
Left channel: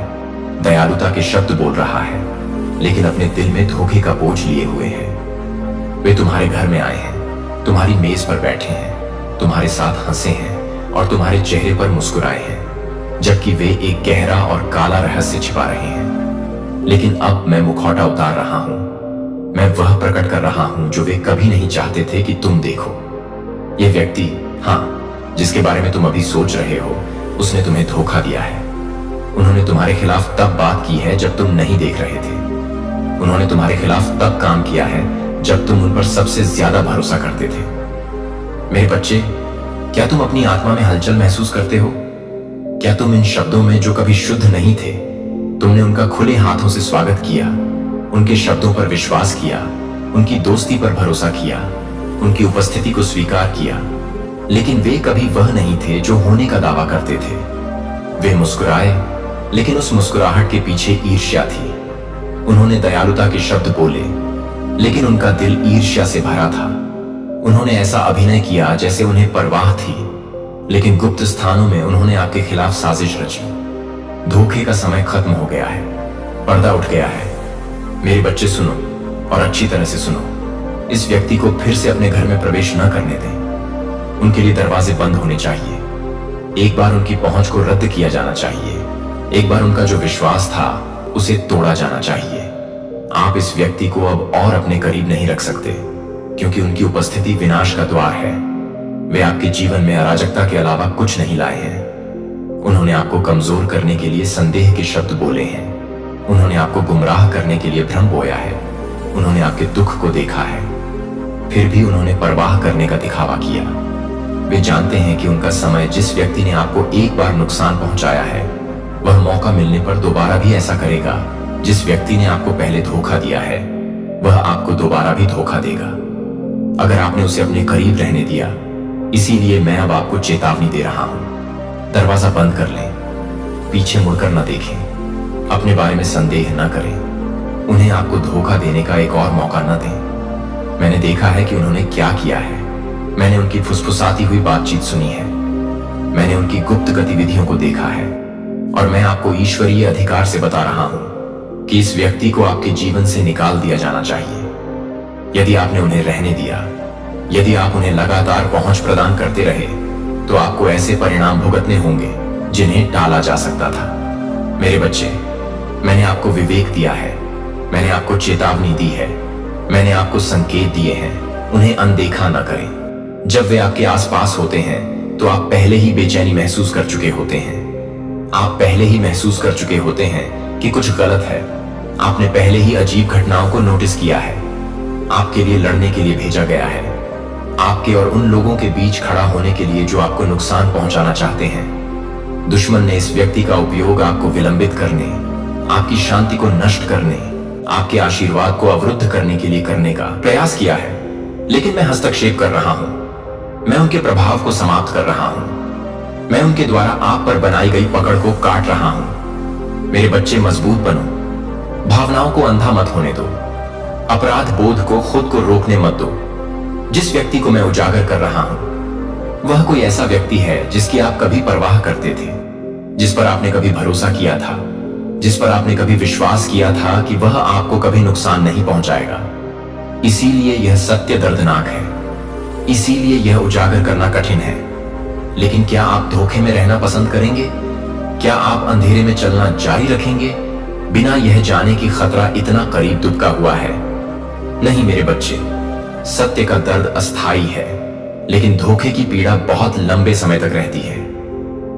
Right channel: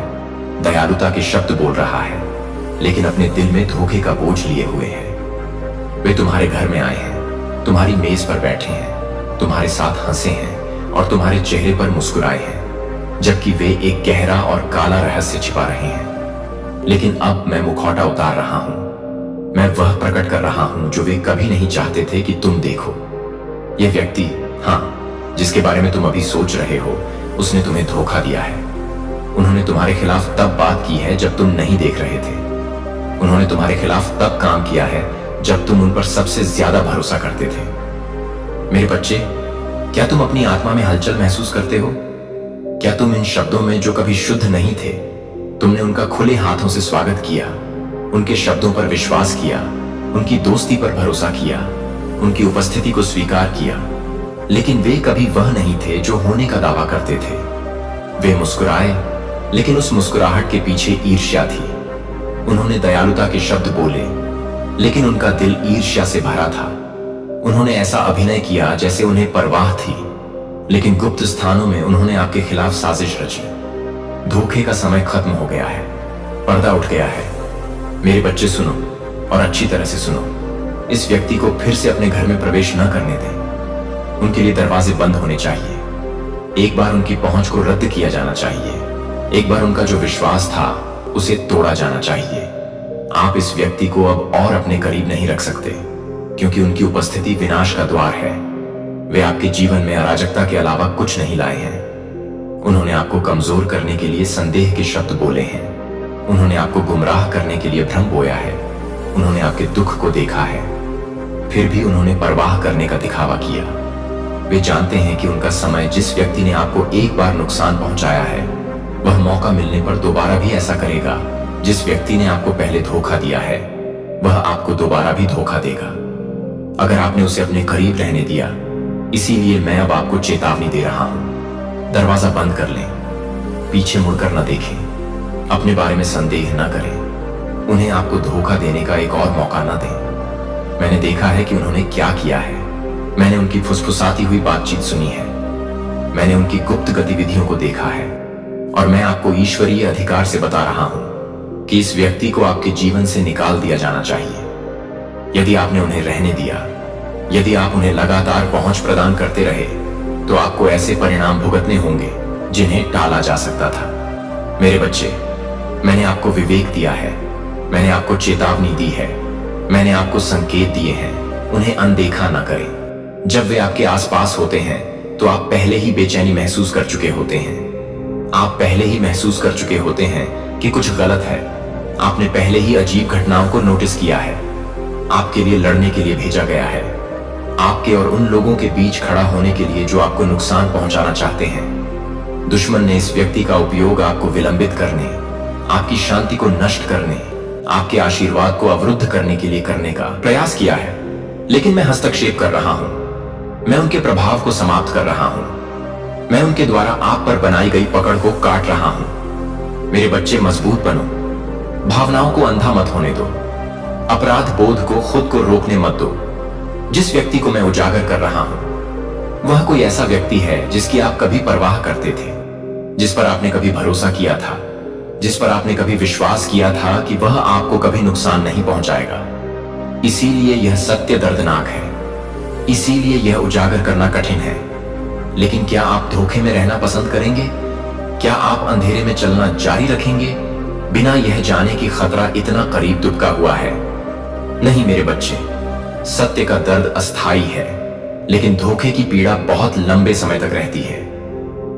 दयालुता के शब्द बोल रहा है, लेकिन अपने दिल में धोखे का बोझ लिए हुए है। वे तुम्हारे घर में आए हैं, तुम्हारी मेज पर बैठे हैं, तुम्हारे साथ हंसे हैं और तुम्हारे चेहरे पर मुस्कुराए हैं, जबकि वे एक गहरा और काला रहस्य छिपा रहे हैं। लेकिन अब मैं मुखौटा उतार रहा हूं, मैं वह प्रकट कर रहा हूं जो वे कभी नहीं चाहते थे कि तुम देखो। यह व्यक्ति, हाँ, जिसके बारे में तुम अभी सोच रहे हो, उसने तुम्हें धोखा दिया है। उन्होंने तुम्हारे खिलाफ तब बात की है जब तुम नहीं देख रहे थे। उन्होंने तुम्हारे खिलाफ तब काम किया है जब तुम उन पर सबसे ज्यादा भरोसा करते थे। मेरे बच्चे, क्या तुम अपनी आत्मा में हलचल महसूस करते हो? क्या तुम इन शब्दों में जो कभी शुद्ध नहीं थे, तुमने उनका खुले हाथों से स्वागत किया, उनके शब्दों पर विश्वास किया, उनकी दोस्ती पर भरोसा किया, उनकी उपस्थिति को स्वीकार किया, लेकिन वे कभी वह नहीं थे जो होने का दावा करते थे। वे मुस्कुराए, लेकिन उस मुस्कुराहट के पीछे ईर्ष्या थी। उन्होंने दयालुता के शब्द बोले, लेकिन उनका दिल ईर्ष्या से भरा था। उन्होंने ऐसा अभिनय किया जैसे उन्हें परवाह थी, लेकिन गुप्त स्थानों में उन्होंने आपके खिलाफ साजिश रची। धोखे का समय खत्म हो गया है, पर्दा उठ गया है। मेरे बच्चे सुनो, और अच्छी तरह से सुनो। इस व्यक्ति को फिर से अपने घर में प्रवेश न करने दें। उनके लिए दरवाजे बंद होने चाहिए। एक बार उनकी पहुंच को रद्द किया जाना चाहिए। एक बार उनका जो विश्वास था उसे तोड़ा जाना चाहिए। आप इस व्यक्ति को अब और अपने करीब नहीं रख सकते, क्योंकि उनकी उपस्थिति विनाश का द्वार है। वे आपके जीवन में अराजकता के अलावा कुछ नहीं लाए हैं। उन्होंने आपको कमजोर करने के लिए संदेह के शब्द बोले हैं। उन्होंने आपको गुमराह करने के लिए भ्रम बोया है। उन्होंने आपके दुख को देखा है, फिर भी उन्होंने परवाह करने का दिखावा किया। वे जानते हैं कि उनका समय, जिस व्यक्ति ने आपको एक बार नुकसान पहुंचाया है, वह मौका मिलने पर दोबारा भी ऐसा करेगा। जिस व्यक्ति ने आपको पहले धोखा दिया है, वह आपको दोबारा भी धोखा देगा, अगर आपने उसे अपने करीब रहने दिया। इसीलिए मैं अब आपको चेतावनी दे रहा हूं। दरवाजा बंद कर लें, पीछे मुड़कर न देखें, अपने बारे में संदेह न करें। उन्हें आपको धोखा देने का एक और मौका न दें। मैंने देखा है कि उन्होंने क्या किया है। मैंने उनकी फुसफुसाती हुई बातचीत सुनी है। मैंने उनकी गुप्त गतिविधियों को देखा है, और मैं आपको ईश्वरीय अधिकार से बता रहा हूं कि इस व्यक्ति को आपके जीवन से निकाल दिया जाना चाहिए। यदि आपने उन्हें रहने दिया, यदि आप उन्हें लगातार पहुंच प्रदान करते रहे, तो आपको ऐसे परिणाम भुगतने होंगे जिन्हें टाला जा सकता था। मेरे बच्चे, मैंने आपको विवेक दिया है, मैंने आपको चेतावनी दी है, मैंने आपको संकेत दिए हैं। उन्हें अनदेखा ना करें। जब वे आपके आसपास होते हैं तो आप पहले ही बेचैनी महसूस कर चुके होते हैं। आप पहले ही महसूस कर चुके होते हैं कि कुछ गलत है। आपने पहले ही अजीब घटनाओं को नोटिस किया है। आपके लिए लड़ने के लिए भेजा गया है, आपके और उन लोगों के बीच खड़ा होने के लिए जो आपको नुकसान पहुंचाना चाहते हैं। दुश्मन ने इस व्यक्ति का उपयोग आपको विलंबित करने, आपकी शांति को नष्ट करने, आपके आशीर्वाद को अवरुद्ध करने के लिए करने का प्रयास किया है। लेकिन मैं हस्तक्षेप कर रहा हूं। मैं उनके प्रभाव को समाप्त कर रहा हूं। मैं उनके द्वारा आप पर बनाई गई पकड़ को काट रहा हूं। मेरे बच्चे, मजबूत बनो। भावनाओं को अंधा मत होने दो। अपराध बोध को खुद को रोकने मत दो। जिस व्यक्ति को मैं उजागर कर रहा हूं, वह कोई ऐसा व्यक्ति है जिसकी आप कभी परवाह करते थे, जिस पर आपने कभी भरोसा किया था, जिस पर आपने कभी विश्वास किया था कि वह आपको कभी नुकसान नहीं पहुंचाएगा। इसीलिए यह सत्य दर्दनाक है। इसीलिए यह उजागर करना कठिन है। लेकिन क्या आप धोखे में रहना पसंद करेंगे? क्या आप अंधेरे में चलना जारी रखेंगे, बिना यह जाने कि खतरा इतना करीब दुबका हुआ है? नहीं मेरे बच्चे, सत्य का दर्द अस्थायी है, लेकिन धोखे की पीड़ा बहुत लंबे समय तक रहती है।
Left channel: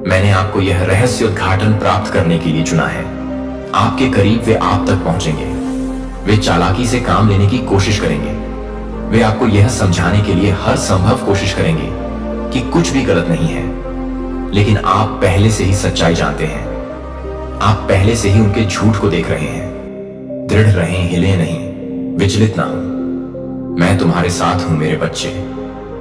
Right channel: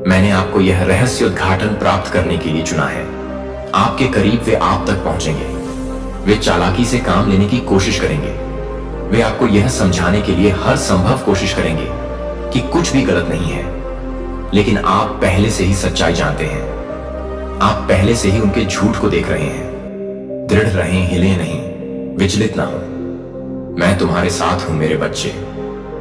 मैंने आपको यह रहस्योद्घाटन प्राप्त करने के लिए चुना है। आपके करीब वे आप तक पहुंचेंगे। वे चालाकी से काम लेने की कोशिश करेंगे। वे आपको यह समझाने के लिए हर संभव कोशिश करेंगे कि कुछ भी गलत नहीं है, लेकिन आप पहले से ही सच्चाई जानते हैं। आप पहले से ही उनके झूठ को देख रहे हैं। दृढ़ रहें, हिले नहीं, विचलित ना हो। मैं तुम्हारे साथ हूं मेरे बच्चे।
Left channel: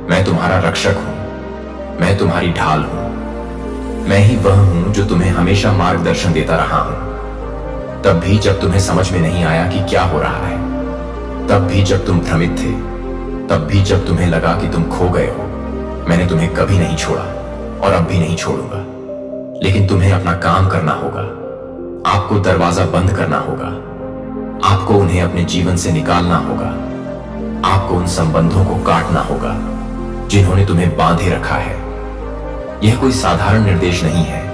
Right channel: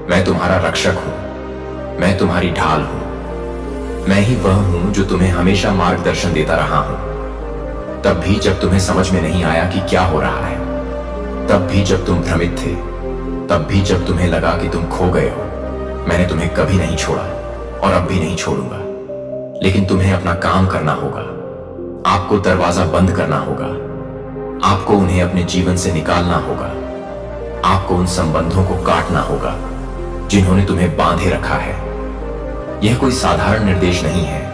मैं तुम्हारा रक्षक हूं। मैं तुम्हारी ढाल हूं। मैं ही वह हूं जो तुम्हें हमेशा मार्गदर्शन देता रहा हूं। तब भी जब तुम्हें समझ में नहीं आया कि क्या हो रहा है, तब भी जब तुम भ्रमित थे, तब भी जब तुम्हें लगा कि तुम खो गए हो, मैंने तुम्हें कभी नहीं छोड़ा और अब भी नहीं छोड़ूंगा। लेकिन तुम्हें अपना काम करना होगा। आपको दरवाजा बंद करना होगा। आपको उन्हें अपने जीवन से निकालना होगा। आपको उन संबंधों को काटना होगा जिन्होंने तुम्हें बांधे रखा है। यह कोई साधारण निर्देश नहीं है।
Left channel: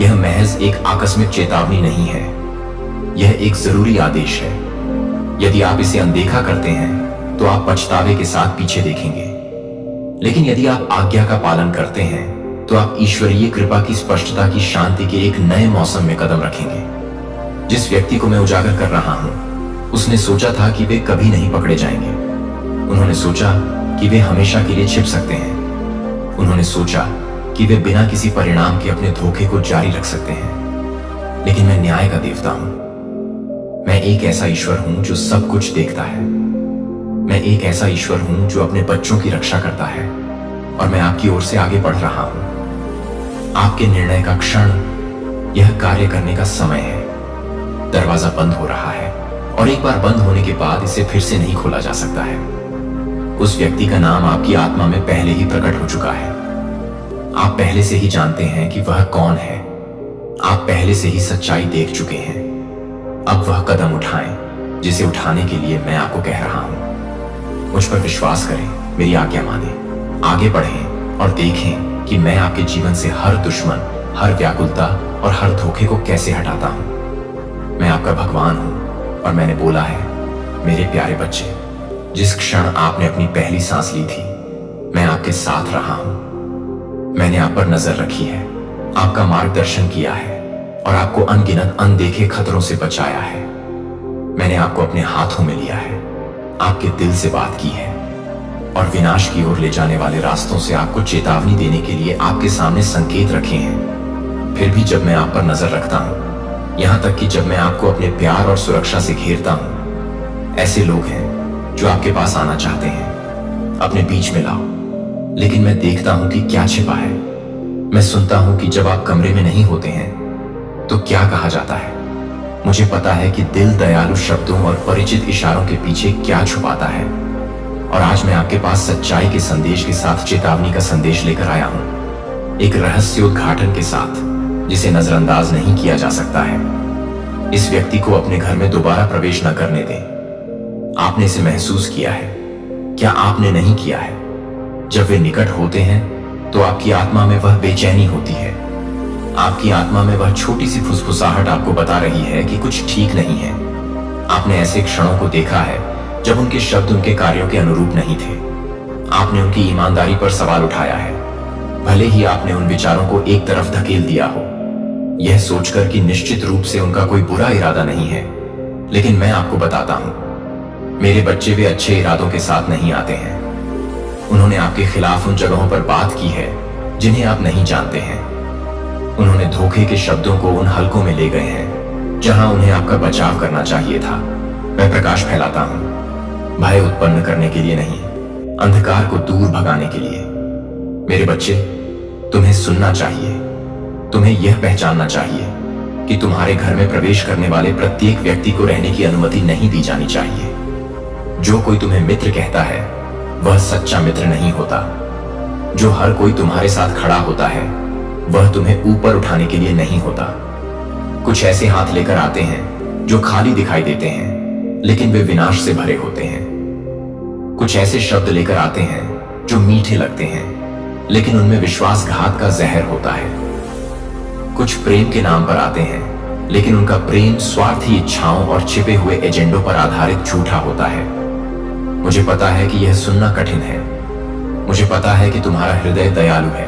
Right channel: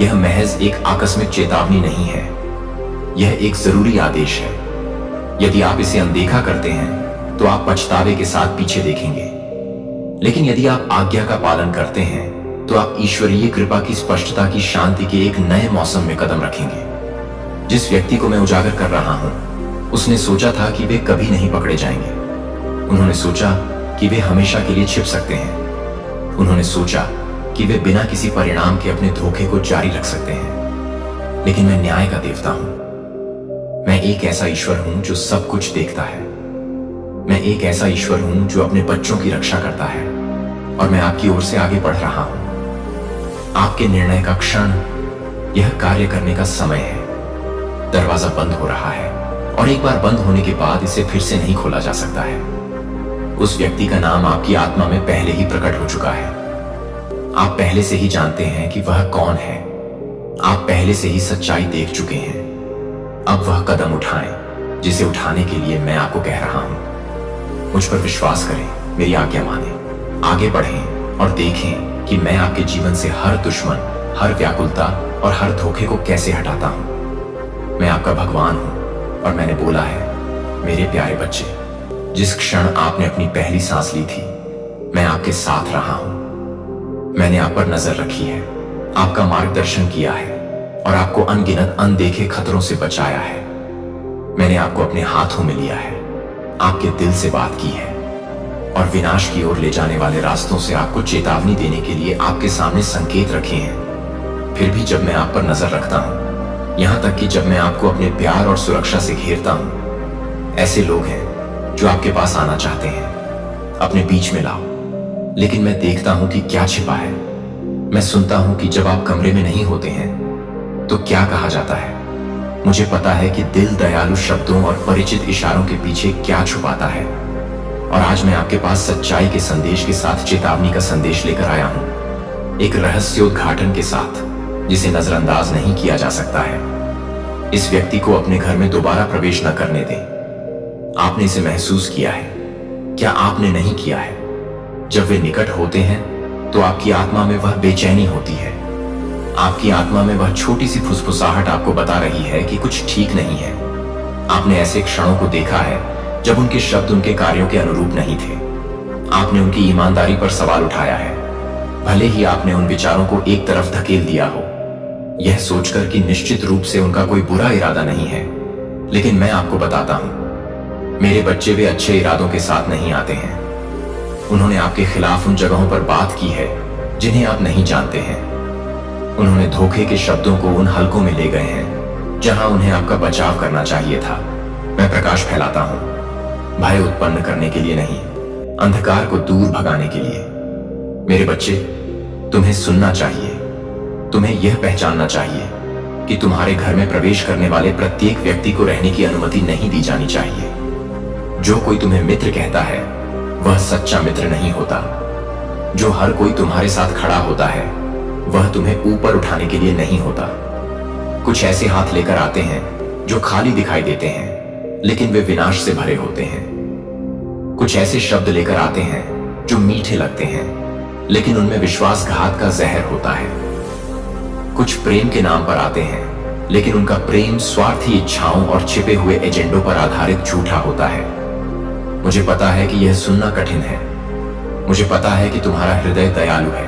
यह महज एक आकस्मिक चेतावनी नहीं है। यह एक जरूरी आदेश है। यदि आप इसे अनदेखा करते हैं तो आप पछतावे के साथ पीछे देखेंगे। लेकिन यदि आप आज्ञा का पालन करते हैं तो आप ईश्वरीय कृपा की स्पष्टता की शांति के एक नए मौसम में कदम रखेंगे। जिस व्यक्ति को मैं उजागर कर रहा हूं, उसने सोचा था कि वे कभी नहीं पकड़े जाएंगे। उन्होंने सोचा कि वे हमेशा के लिए छिप सकते हैं। उन्होंने सोचा कि वे बिना किसी परिणाम के अपने धोखे को जारी रख सकते हैं। लेकिन मैं न्याय का देवता हूं। मैं एक ऐसा ईश्वर हूं जो सब कुछ देखता है। मैं एक ऐसा ईश्वर हूं जो अपने बच्चों की रक्षा करता है और मैं आपकी ओर से आगे बढ़ रहा हूं। आपके निर्णय का क्षण, यह कार्य करने का समय है। दरवाजा बंद हो रहा है और एक बार बंद होने के बाद इसे फिर से नहीं खोला जा सकता है। उस व्यक्ति का नाम आपकी आत्मा में पहले ही प्रकट हो चुका है। आप पहले से ही जानते हैं कि वह कौन है। आप पहले से ही सच्चाई देख चुके हैं। अब वह कदम उठाएं जिसे उठाने के लिए मैं आपको कह रहा हूं। मुझ पर विश्वास करें, मेरी आज्ञा मानें, आगे बढ़ें और देखें कि मैं आपके जीवन से हर दुश्मन, हर व्याकुलता और हर धोखे को कैसे हटाता हूं। मैं आपका भगवान हूं और मैंने बोला है, मेरे प्यारे बच्चे, जिस क्षण आपने अपनी पहली सांस ली थी, मैं आपके साथ रहा हूं। मैंने आप पर नजर रखी है, आपका मार्गदर्शन किया है और आपको अनगिनत अनदेखे खतरों से बचाया है। मैंने आपको अपने हाथों में लिया है, आपके दिल से बात की है और विनाश की ओर ले जाने वाले रास्तों से आपको चेतावनी देने के लिए आपके सामने संकेत रखे हैं। फिर भी जब मैं आप पर नजर रखता हूं, यहां तक कि जब मैं आपको अपने प्यार और सुरक्षा से घेरता हूं, ऐसे लोग हैं जो आपके पास आना चाहते हैं, अपने बीच में लाओ। लेकिन मैं देखता हूं कि क्या छिपा है। मैं सुनता हूं कि जब आप कमरे में नहीं होते हैं तो क्या कहा जाता है। मुझे पता है कि दिल दयालु शब्दों और परिचित इशारों के पीछे क्या छुपाता है। और आज मैं आपके पास सच्चाई के संदेश के साथ चेतावनी का संदेश लेकर आया हूं, एक रहस्योद्घाटन के साथ जिसे नजरअंदाज नहीं किया जा सकता है। इस व्यक्ति को अपने घर में दोबारा प्रवेश न करने दें। आपने इसे महसूस किया है, क्या आपने नहीं किया है? जब वे निकट होते हैं तो आपकी आत्मा में वह बेचैनी होती है। आपकी आत्मा में वह छोटी सी फुसफुसाहट आपको बता रही है कि कुछ ठीक नहीं है। आपने ऐसे क्षणों को देखा है जब उनके शब्द उनके कार्यों के अनुरूप नहीं थे। आपने उनकी ईमानदारी पर सवाल उठाया है, भले ही आपने उन विचारों को एक तरफ धकेल दिया हो, यह सोचकर कि निश्चित रूप से उनका कोई बुरा इरादा नहीं है। लेकिन मैं आपको बताता हूं, मेरे बच्चे वे अच्छे इरादों के साथ नहीं आते हैं। उन्होंने आपके खिलाफ उन जगहों पर बात की है जिन्हें आप नहीं जानते हैं। उन्होंने धोखे के शब्दों को उन हलकों में ले गए हैं जहां उन्हें आपका बचाव करना चाहिए था। मैं प्रकाश फैलाता हूं, भय उत्पन्न करने के लिए नहीं, अंधकार को दूर भगाने के लिए। मेरे बच्चे, तुम्हें सुनना चाहिए। तुम्हें यह पहचानना चाहिए कि तुम्हारे घर में प्रवेश करने वाले प्रत्येक व्यक्ति को रहने की अनुमति नहीं दी जानी चाहिए। जो कोई तुम्हें मित्र कहता है वह सच्चा मित्र नहीं होता। जो हर कोई तुम्हारे साथ खड़ा होता है वह तुम्हें ऊपर उठाने के लिए नहीं होता। कुछ ऐसे हाथ लेकर आते हैं जो खाली दिखाई देते हैं लेकिन वे विनाश से भरे होते हैं। कुछ ऐसे शब्द लेकर आते हैं जो मीठे लगते हैं लेकिन उनमें विश्वासघात का जहर होता है। कुछ प्रेम के नाम पर आते हैं लेकिन उनका प्रेम स्वार्थी इच्छाओं और छिपे हुए एजेंडों पर आधारित झूठा होता है। मुझे पता है कि यह सुनना कठिन है। मुझे पता है कि तुम्हारा हृदय दयालु है,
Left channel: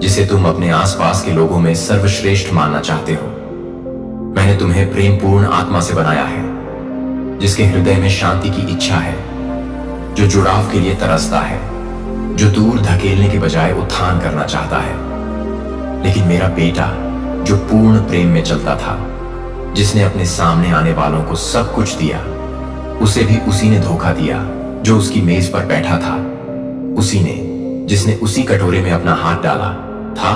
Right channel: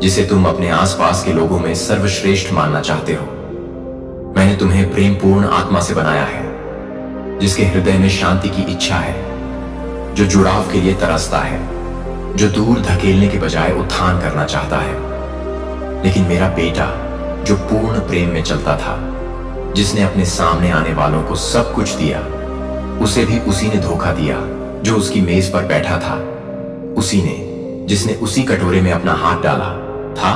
जिसे तुम अपने आसपास के लोगों में सर्वश्रेष्ठ मानना चाहते हो। मैंने तुम्हें प्रेमपूर्ण आत्मा से बनाया है, जिसके हृदय में शांति की इच्छा है, जो जुड़ाव के लिए तरसता है, जो दूर धकेलने के बजाय उत्थान करना चाहता है। लेकिन मेरा बेटा जो पूर्ण प्रेम में चलता था, जिसने अपने सामने आने वालों को सब कुछ दिया, उसे भी उसी ने धोखा दिया जो उसकी मेज पर बैठा था। उसी ने जिसने उसी कटोरे में अपना हाथ डाला था।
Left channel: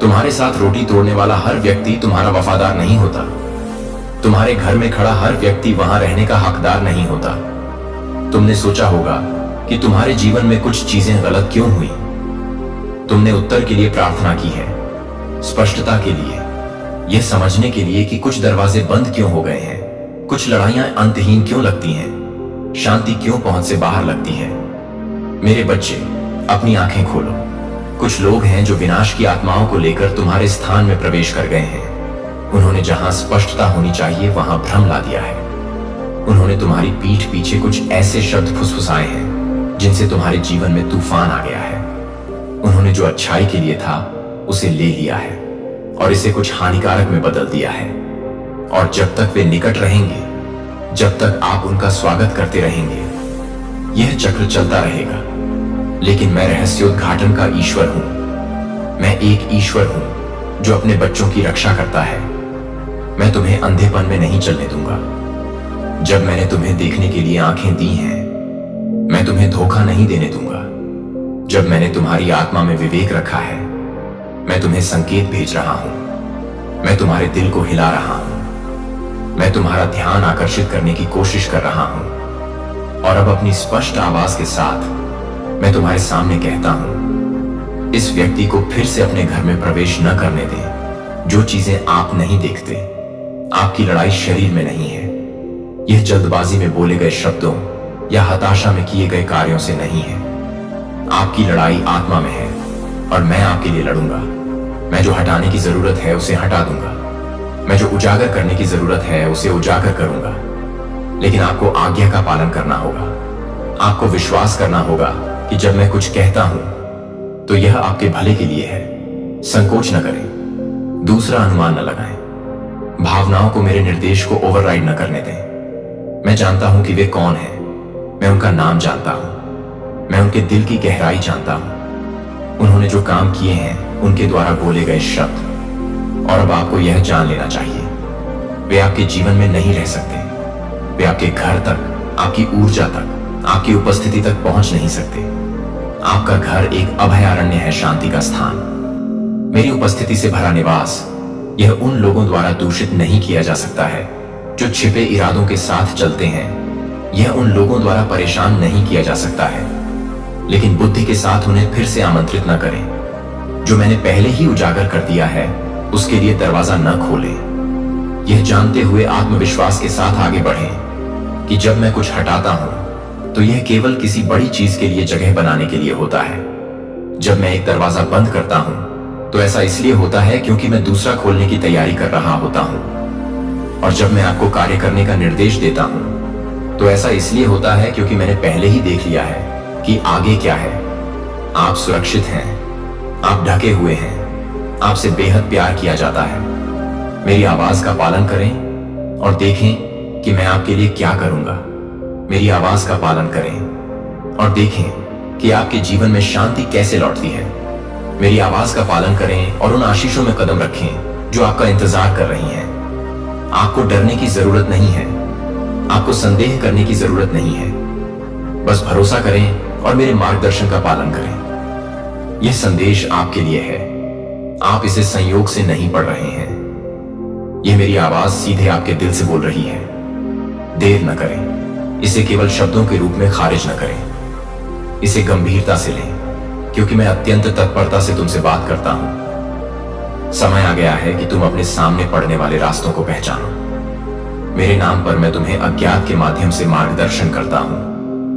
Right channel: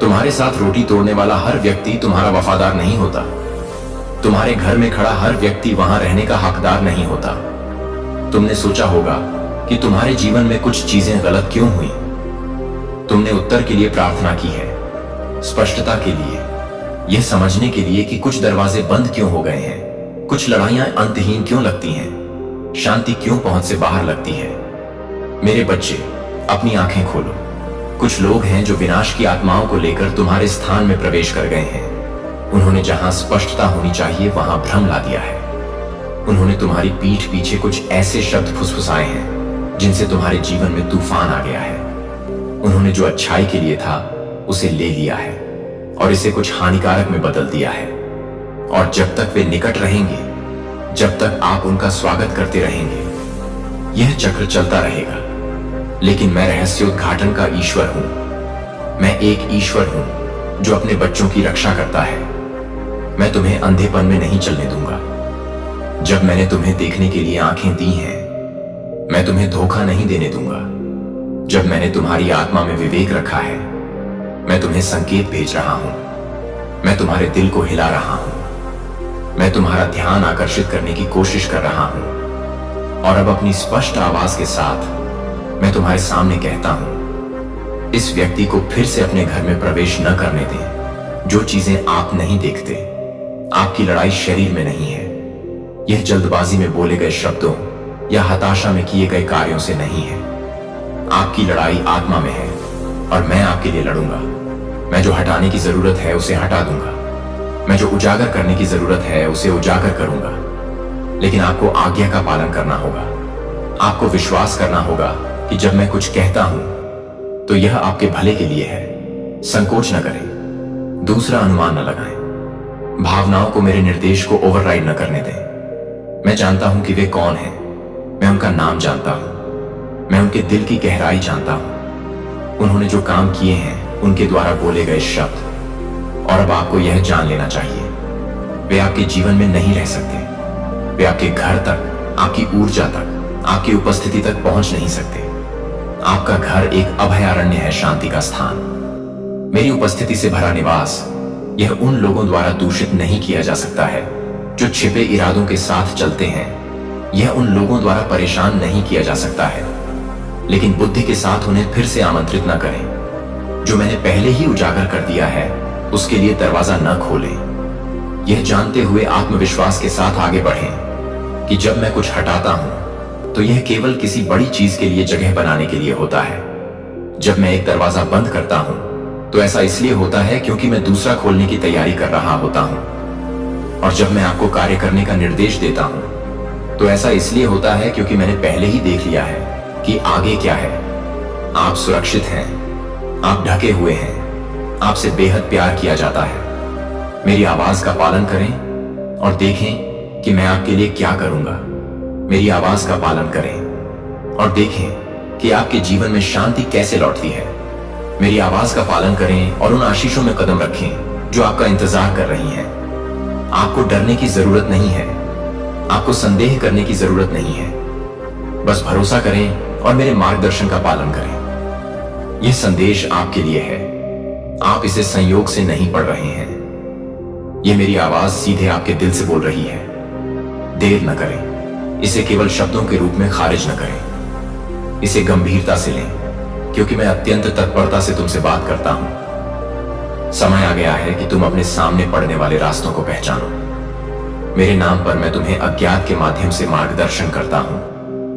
तुम्हारे साथ रोटी तोड़ने वाला हर व्यक्ति तुम्हारा वफादार नहीं होता। तुम्हारे घर में खड़ा हर व्यक्ति वहां रहने का हकदार नहीं होता। तुमने सोचा होगा कि तुम्हारे जीवन में कुछ चीजें गलत क्यों हुई। तुमने उत्तर के लिए प्रार्थना की है, स्पष्टता के लिए, यह समझने के लिए कि कुछ दरवाजे बंद क्यों हो गए हैं, कुछ लड़ाइयां अंतहीन क्यों लगती हैं, शांति क्यों पहुंच से बाहर लगती है। मेरे बच्चे, अपनी आंखें खोलो। कुछ लोग हैं जो विनाश की आत्माओं को लेकर तुम्हारे स्थान में प्रवेश कर गए हैं। उन्होंने जहां स्पष्टता होनी चाहिए वहां भ्रम ला दिया है। उन्होंने तुम्हारी पीठ पीछे कुछ ऐसे शब्द फुसफुसाए हैं जिनसे तुम्हारे जीवन में तूफान आ गया है। उन्होंने जो अच्छाई के लिए था उसे ले लिया है और इसे कुछ हानिकारक में बदल दिया है। और जब तक वे निकट रहेंगे, जब तक आप उनका स्वागत करते रहेंगे, यह चक्र चलता रहेगा। लेकिन मैं रहस्योद्घाटन का ईश्वर हूं। मैं एक ईश्वर हूं जो अपने बच्चों की रक्षा करता है। मैं तुम्हें अंधेपन में नहीं चलने दूंगा। जब मैंने तुम्हें देखने के लिए आंखें दी हैं, मैं तुम्हें धोखा नहीं देने दूंगा। जब मैंने तुम्हारी आत्मा में विवेक रखा है, मैं तुम्हें संकेत भेज रहा हूं। मैं तुम्हारे दिल को हिला रहा हूं। मैं तुम्हारा ध्यान आकर्षित करने की कोशिश कर रहा हूं। और अब अपनी स्पष्ट आवाज के साथ मैं तुम्हारे सामने कहता हूं, इस व्यक्ति को फिर से अपने घर में प्रवेश न करने दें। जो चीजें आप नहीं देखते, आपकी लड़ाई शरीर में नहीं है। यह जल्दबाजी में बोले गए शब्दों या हताशा में किए गए कार्यों से नहीं है। आपकी लड़ाई आत्मा में है और मैं आपके लिए लड़ूंगा। मैं जो हटाने की जरूरत है उसे हटा दूंगा। मैं जो उजागर करने की जरूरत है उसे उजागर करूंगा। लेकिन आपको आज्ञा का पालन करना होगा। आपको विश्वास करना होगा कि जब मैं कुछ कहता हूं तो यह आपके भले के लिए है। संकोच न करें, दूसरा अनुमान न लगाएं, भावनाओं को मेरे निर्देश को ओवरराइड न करने दें। मैं जानता हूं कि वे कौन हैं। मैं उनका नाम जानता हूं। मैं उनके दिल की गहराई जानता हूं। उन्होंने जो काम किए हैं, उनके द्वारा बोले गए शब्द। और अब आपको यह जान लेना चाहिए, वे आपके जीवन में नहीं रह सकते। वे आपके घर तक, आपकी ऊर्जा तक, आपकी उपस्थिति तक पहुंच नहीं सकते। आपका घर एक अभयारण्य है, शांति का स्थान। मेरी उपस्थिति से भरा निवास, यह उन लोगों द्वारा दूषित नहीं किया जा सकता है जो छिपे इरादों के साथ चलते हैं। यह उन लोगों द्वारा परेशान नहीं किया जा सकता है। लेकिन बुद्धि के साथ उन्हें फिर से आमंत्रित न करें। जो मैंने पहले ही उजागर कर दिया है उसके लिए दरवाजा न खोलें। यह जानते हुए आत्मविश्वास के साथ आगे बढ़ें कि जब मैं कुछ हटाता हूं तो यह केवल किसी बड़ी चीज के लिए जगह बनाने के लिए होता है। जब मैं एक दरवाजा बंद करता हूं तो ऐसा इसलिए होता है क्योंकि मैं दूसरा खोलने की तैयारी कर रहा होता हूं। और जब मैं आपको कार्य करने का निर्देश देता हूं तो ऐसा इसलिए होता है क्योंकि मैंने पहले ही देख लिया है कि आगे क्या है। आप सुरक्षित हैं, आप ढके हुए हैं, आपसे बेहद प्यार किया जाता है। मेरी आवाज का पालन करें और देखें कि मैं आपके लिए क्या करूंगा। मेरी आवाज का पालन करें और देखें कि आपके जीवन में शांति कैसे लौटती है। मेरी आवाज का पालन करें और उन आशीषों में कदम रखें जो आपका इंतजार कर रही हैं। आपको डरने की जरूरत नहीं है। आपको संदेह करने की जरूरत नहीं है। बस भरोसा करें और मेरे मार्गदर्शन का पालन करें। यह संदेश आपके लिए है। आप इसे संयोग से नहीं पढ़ रहे हैं। यह मेरी आवाज सीधे आपके दिल से बोल रही है। देर न करें। इसे केवल शब्दों के रूप में खारिज न करें। इसे गंभीरता से लें क्योंकि मैं अत्यंत तत्परता से तुमसे बात करता हूं। समय आ गया है कि तुम अपने सामने पड़ने वाले रास्तों को पहचानो। मेरे नाम पर मैं तुम्हें अज्ञात के माध्यम से मार्गदर्शन करता हूं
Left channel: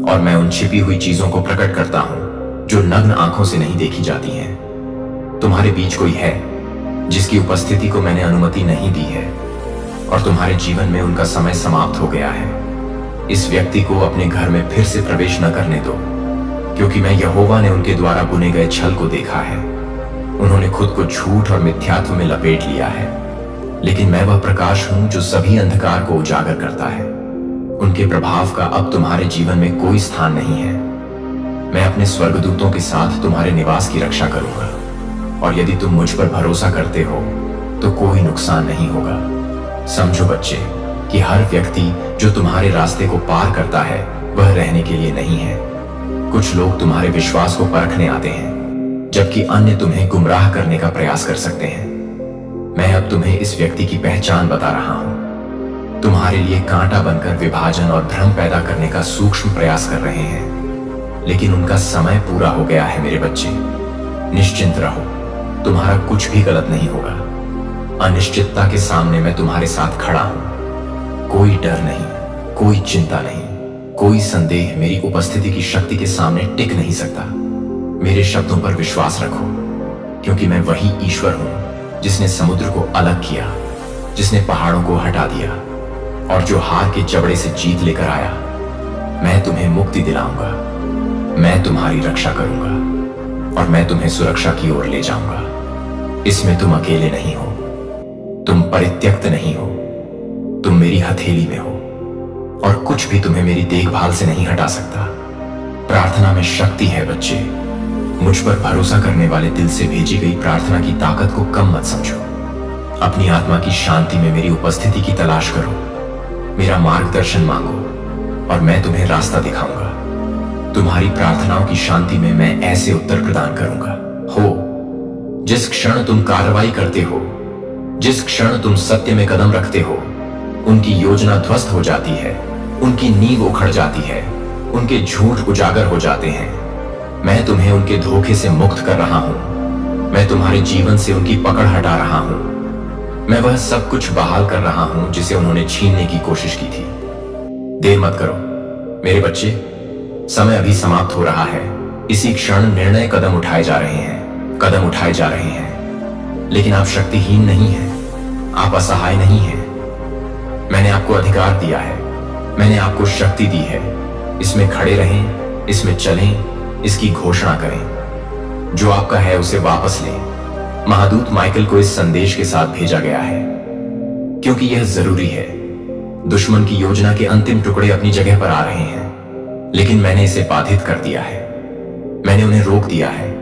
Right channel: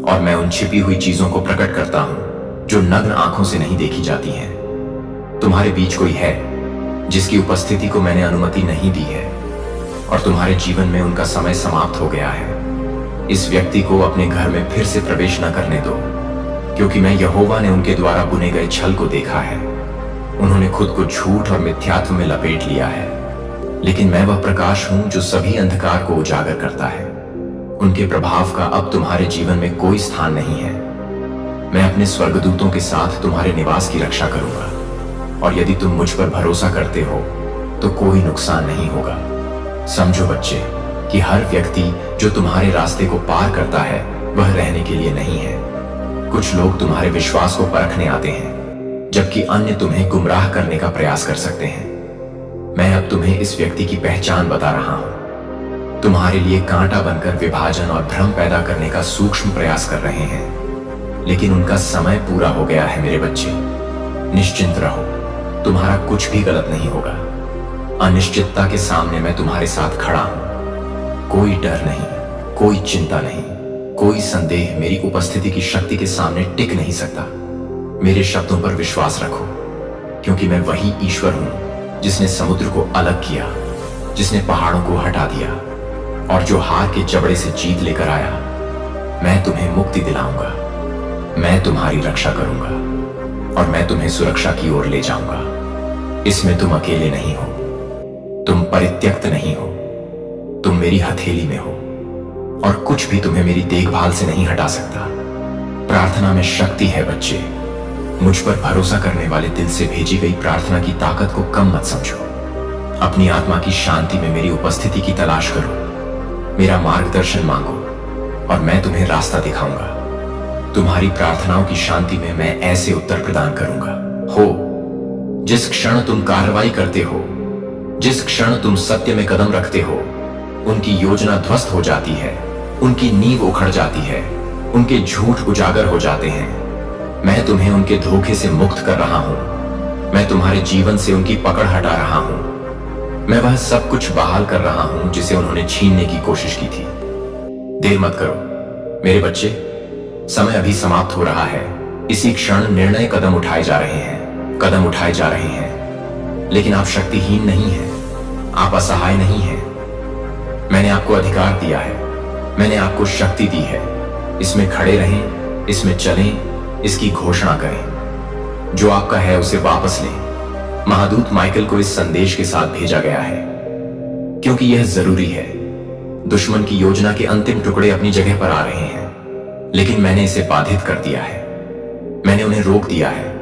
और मैं उन छिपी हुई चीजों को प्रकट करता हूं जो नग्न आंखों से नहीं देखी जाती हैं। तुम्हारे बीच कोई है जिसकी उपस्थिति को मैंने अनुमति नहीं दी है और तुम्हारे जीवन में उनका समय समाप्त हो गया है। इस व्यक्ति को अपने घर में फिर से प्रवेश न करने दो क्योंकि मैं यहोवा ने उनके द्वारा बुने गए छल को देखा है। उन्होंने खुद को झूठ और मिथ्यात्व में लपेट लिया है। लेकिन मैं वह प्रकाश हूं जो सभी अंधकार को उजागर करता है। उनके प्रभाव का अब तुम्हारे जीवन में कोई स्थान नहीं है। मैं अपने स्वर्गदूतों के साथ तुम्हारे निवास की रक्षा करूंगा और यदि तुम मुझ पर भरोसा करते हो तो कोई नुकसान नहीं होगा। समझो बच्चे कि हर व्यक्ति जो तुम्हारे रास्ते को पार करता है वह रहने के लिए नहीं है। कुछ लोग तुम्हारे विश्वास को परखने आते हैं जबकि अन्य तुम्हें गुमराह करने का प्रयास कर सकते हैं। मैं अब तुम्हें इस व्यक्ति की पहचान बता रहा हूं। तुम्हारे लिए कांटा बनकर विभाजन और भ्रम पैदा करने का सूक्ष्म प्रयास कर रहे हैं, लेकिन उनका समय पूरा हो गया है मेरे बच्चे। निश्चिंत रहो, तुम्हारा कुछ भी गलत नहीं होगा। अनिश्चितता के सामने मैं तुम्हारे साथ खड़ा हूं। कोई डर नहीं, कोई चिंता नहीं, कोई संदेह मेरी उपस्थिति की शक्ति के सामने टिक नहीं सकता। मेरे शब्दों पर विश्वास रखो, क्योंकि मैं वही ईश्वर हूं जिसने समुद्र को अलग किया, जिसने पहाड़ों को हटा दिया और जो हार के जबड़े से जीत लेकर आया। मैं तुम्हें मुक्ति दिलाऊंगा, मैं तुम्हारी रक्षा करूंगा और मैं तुम्हें सुरक्षा की ओर ले जाऊंगा। इसमें तुम अकेले नहीं हो, तुम परित्यक्त नहीं हो, तुम मेरी हथेली में हो और कुछ भी तुम्हें मेरी देखभाल से नहीं हटा सकता। प्रार्थना में शक्ति है बच्चे। मुझ पर भरोसा करने वाले दिल से भेजी गई प्रार्थना की ताकत को कम मत समझो। अपनी आत्मा की शांति में मेरी उपस्थिति की तलाश करो, मेरा मार्गदर्शन मांगो और मैं तुम्हें रास्ता दिखाऊंगा। तुम्हारी प्रार्थनाओं की शांति में मैं ऐसे उत्तर प्रदान करूंगा। जिस क्षण तुम कार्रवाई करते हो, जिस क्षण तुम सत्य में कदम रखते हो, उनकी योजना ध्वस्त हो जाती है, उनकी नींव उखड़ जाती है, उनके झूठ उजागर हो जाते हैं। मैं तुम्हें उनके धोखे से मुक्त कर रहा हूं। मैं तुम्हारे जीवन से उनकी पकड़ हटा रहा हूं। मैं वह सब कुछ बहाल कर रहा हूं जिसे उन्होंने छीनने की कोशिश की थी। देर मत करो मेरे बच्चे, समय अभी समाप्त हो रहा है। इसी क्षण निर्णय कदम उठाए जा रहे हैं, कदम उठाए जा रहे हैं। लेकिन आप शक्तिहीन नहीं हैं, आप असहाय नहीं हैं। मैंने आपको अधिकार दिया है, मैंने आपको शक्ति दी है। इसमें खड़े रहें, इसमें चलें, इसकी घोषणा करें। जो आपका है उसे वापस लें। महादूत माइकल को इस संदेश के साथ भेजा गया है, क्योंकि यह जरूरी है। दुश्मन की योजना के अंतिम टुकड़े अपनी जगह पर आ रहे हैं, लेकिन मैंने इसे बाधित कर दिया है। मैंने उन्हें रोक दिया है,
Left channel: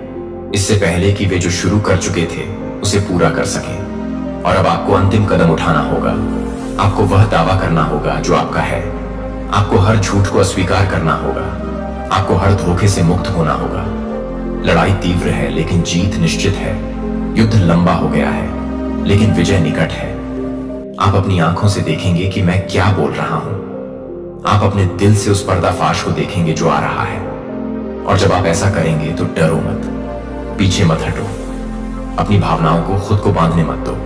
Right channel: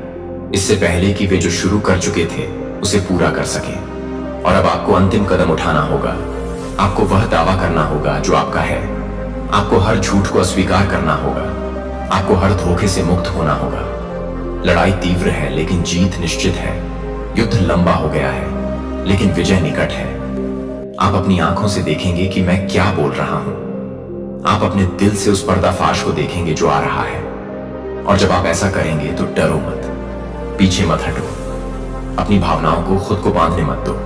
इससे पहले कि वे जो शुरू कर चुके थे उसे पूरा कर सकें। और अब आपको अंतिम कदम उठाना होगा। आपको वह दावा करना होगा जो आपका है। आपको हर झूठ को अस्वीकार करना होगा। आपको हर धोखे से मुक्त होना होगा। लड़ाई तीव्र है, लेकिन जीत निश्चित है। युद्ध लंबा हो गया है, लेकिन विजय निकट है। आप अपनी आंखों से देखेंगे कि मैं क्या बोल रहा हूं। आप अपने दिल से उस पर्दाफाश को देखेंगे जो आ रहा है। और जब आप ऐसा करेंगे तो डरो मत, पीछे मत हटो। अपनी भावनाओं को खुद को बांधने मत दो।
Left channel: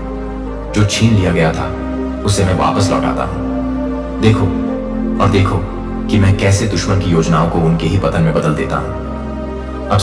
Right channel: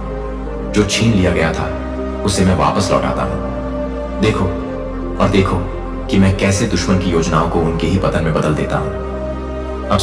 जो छीन लिया गया था उसे मैं वापस लौटाता हूं। देखो और देखो कि मैं कैसे दुश्मन की योजनाओं को उनके ही पतन में बदल देता हूं। अब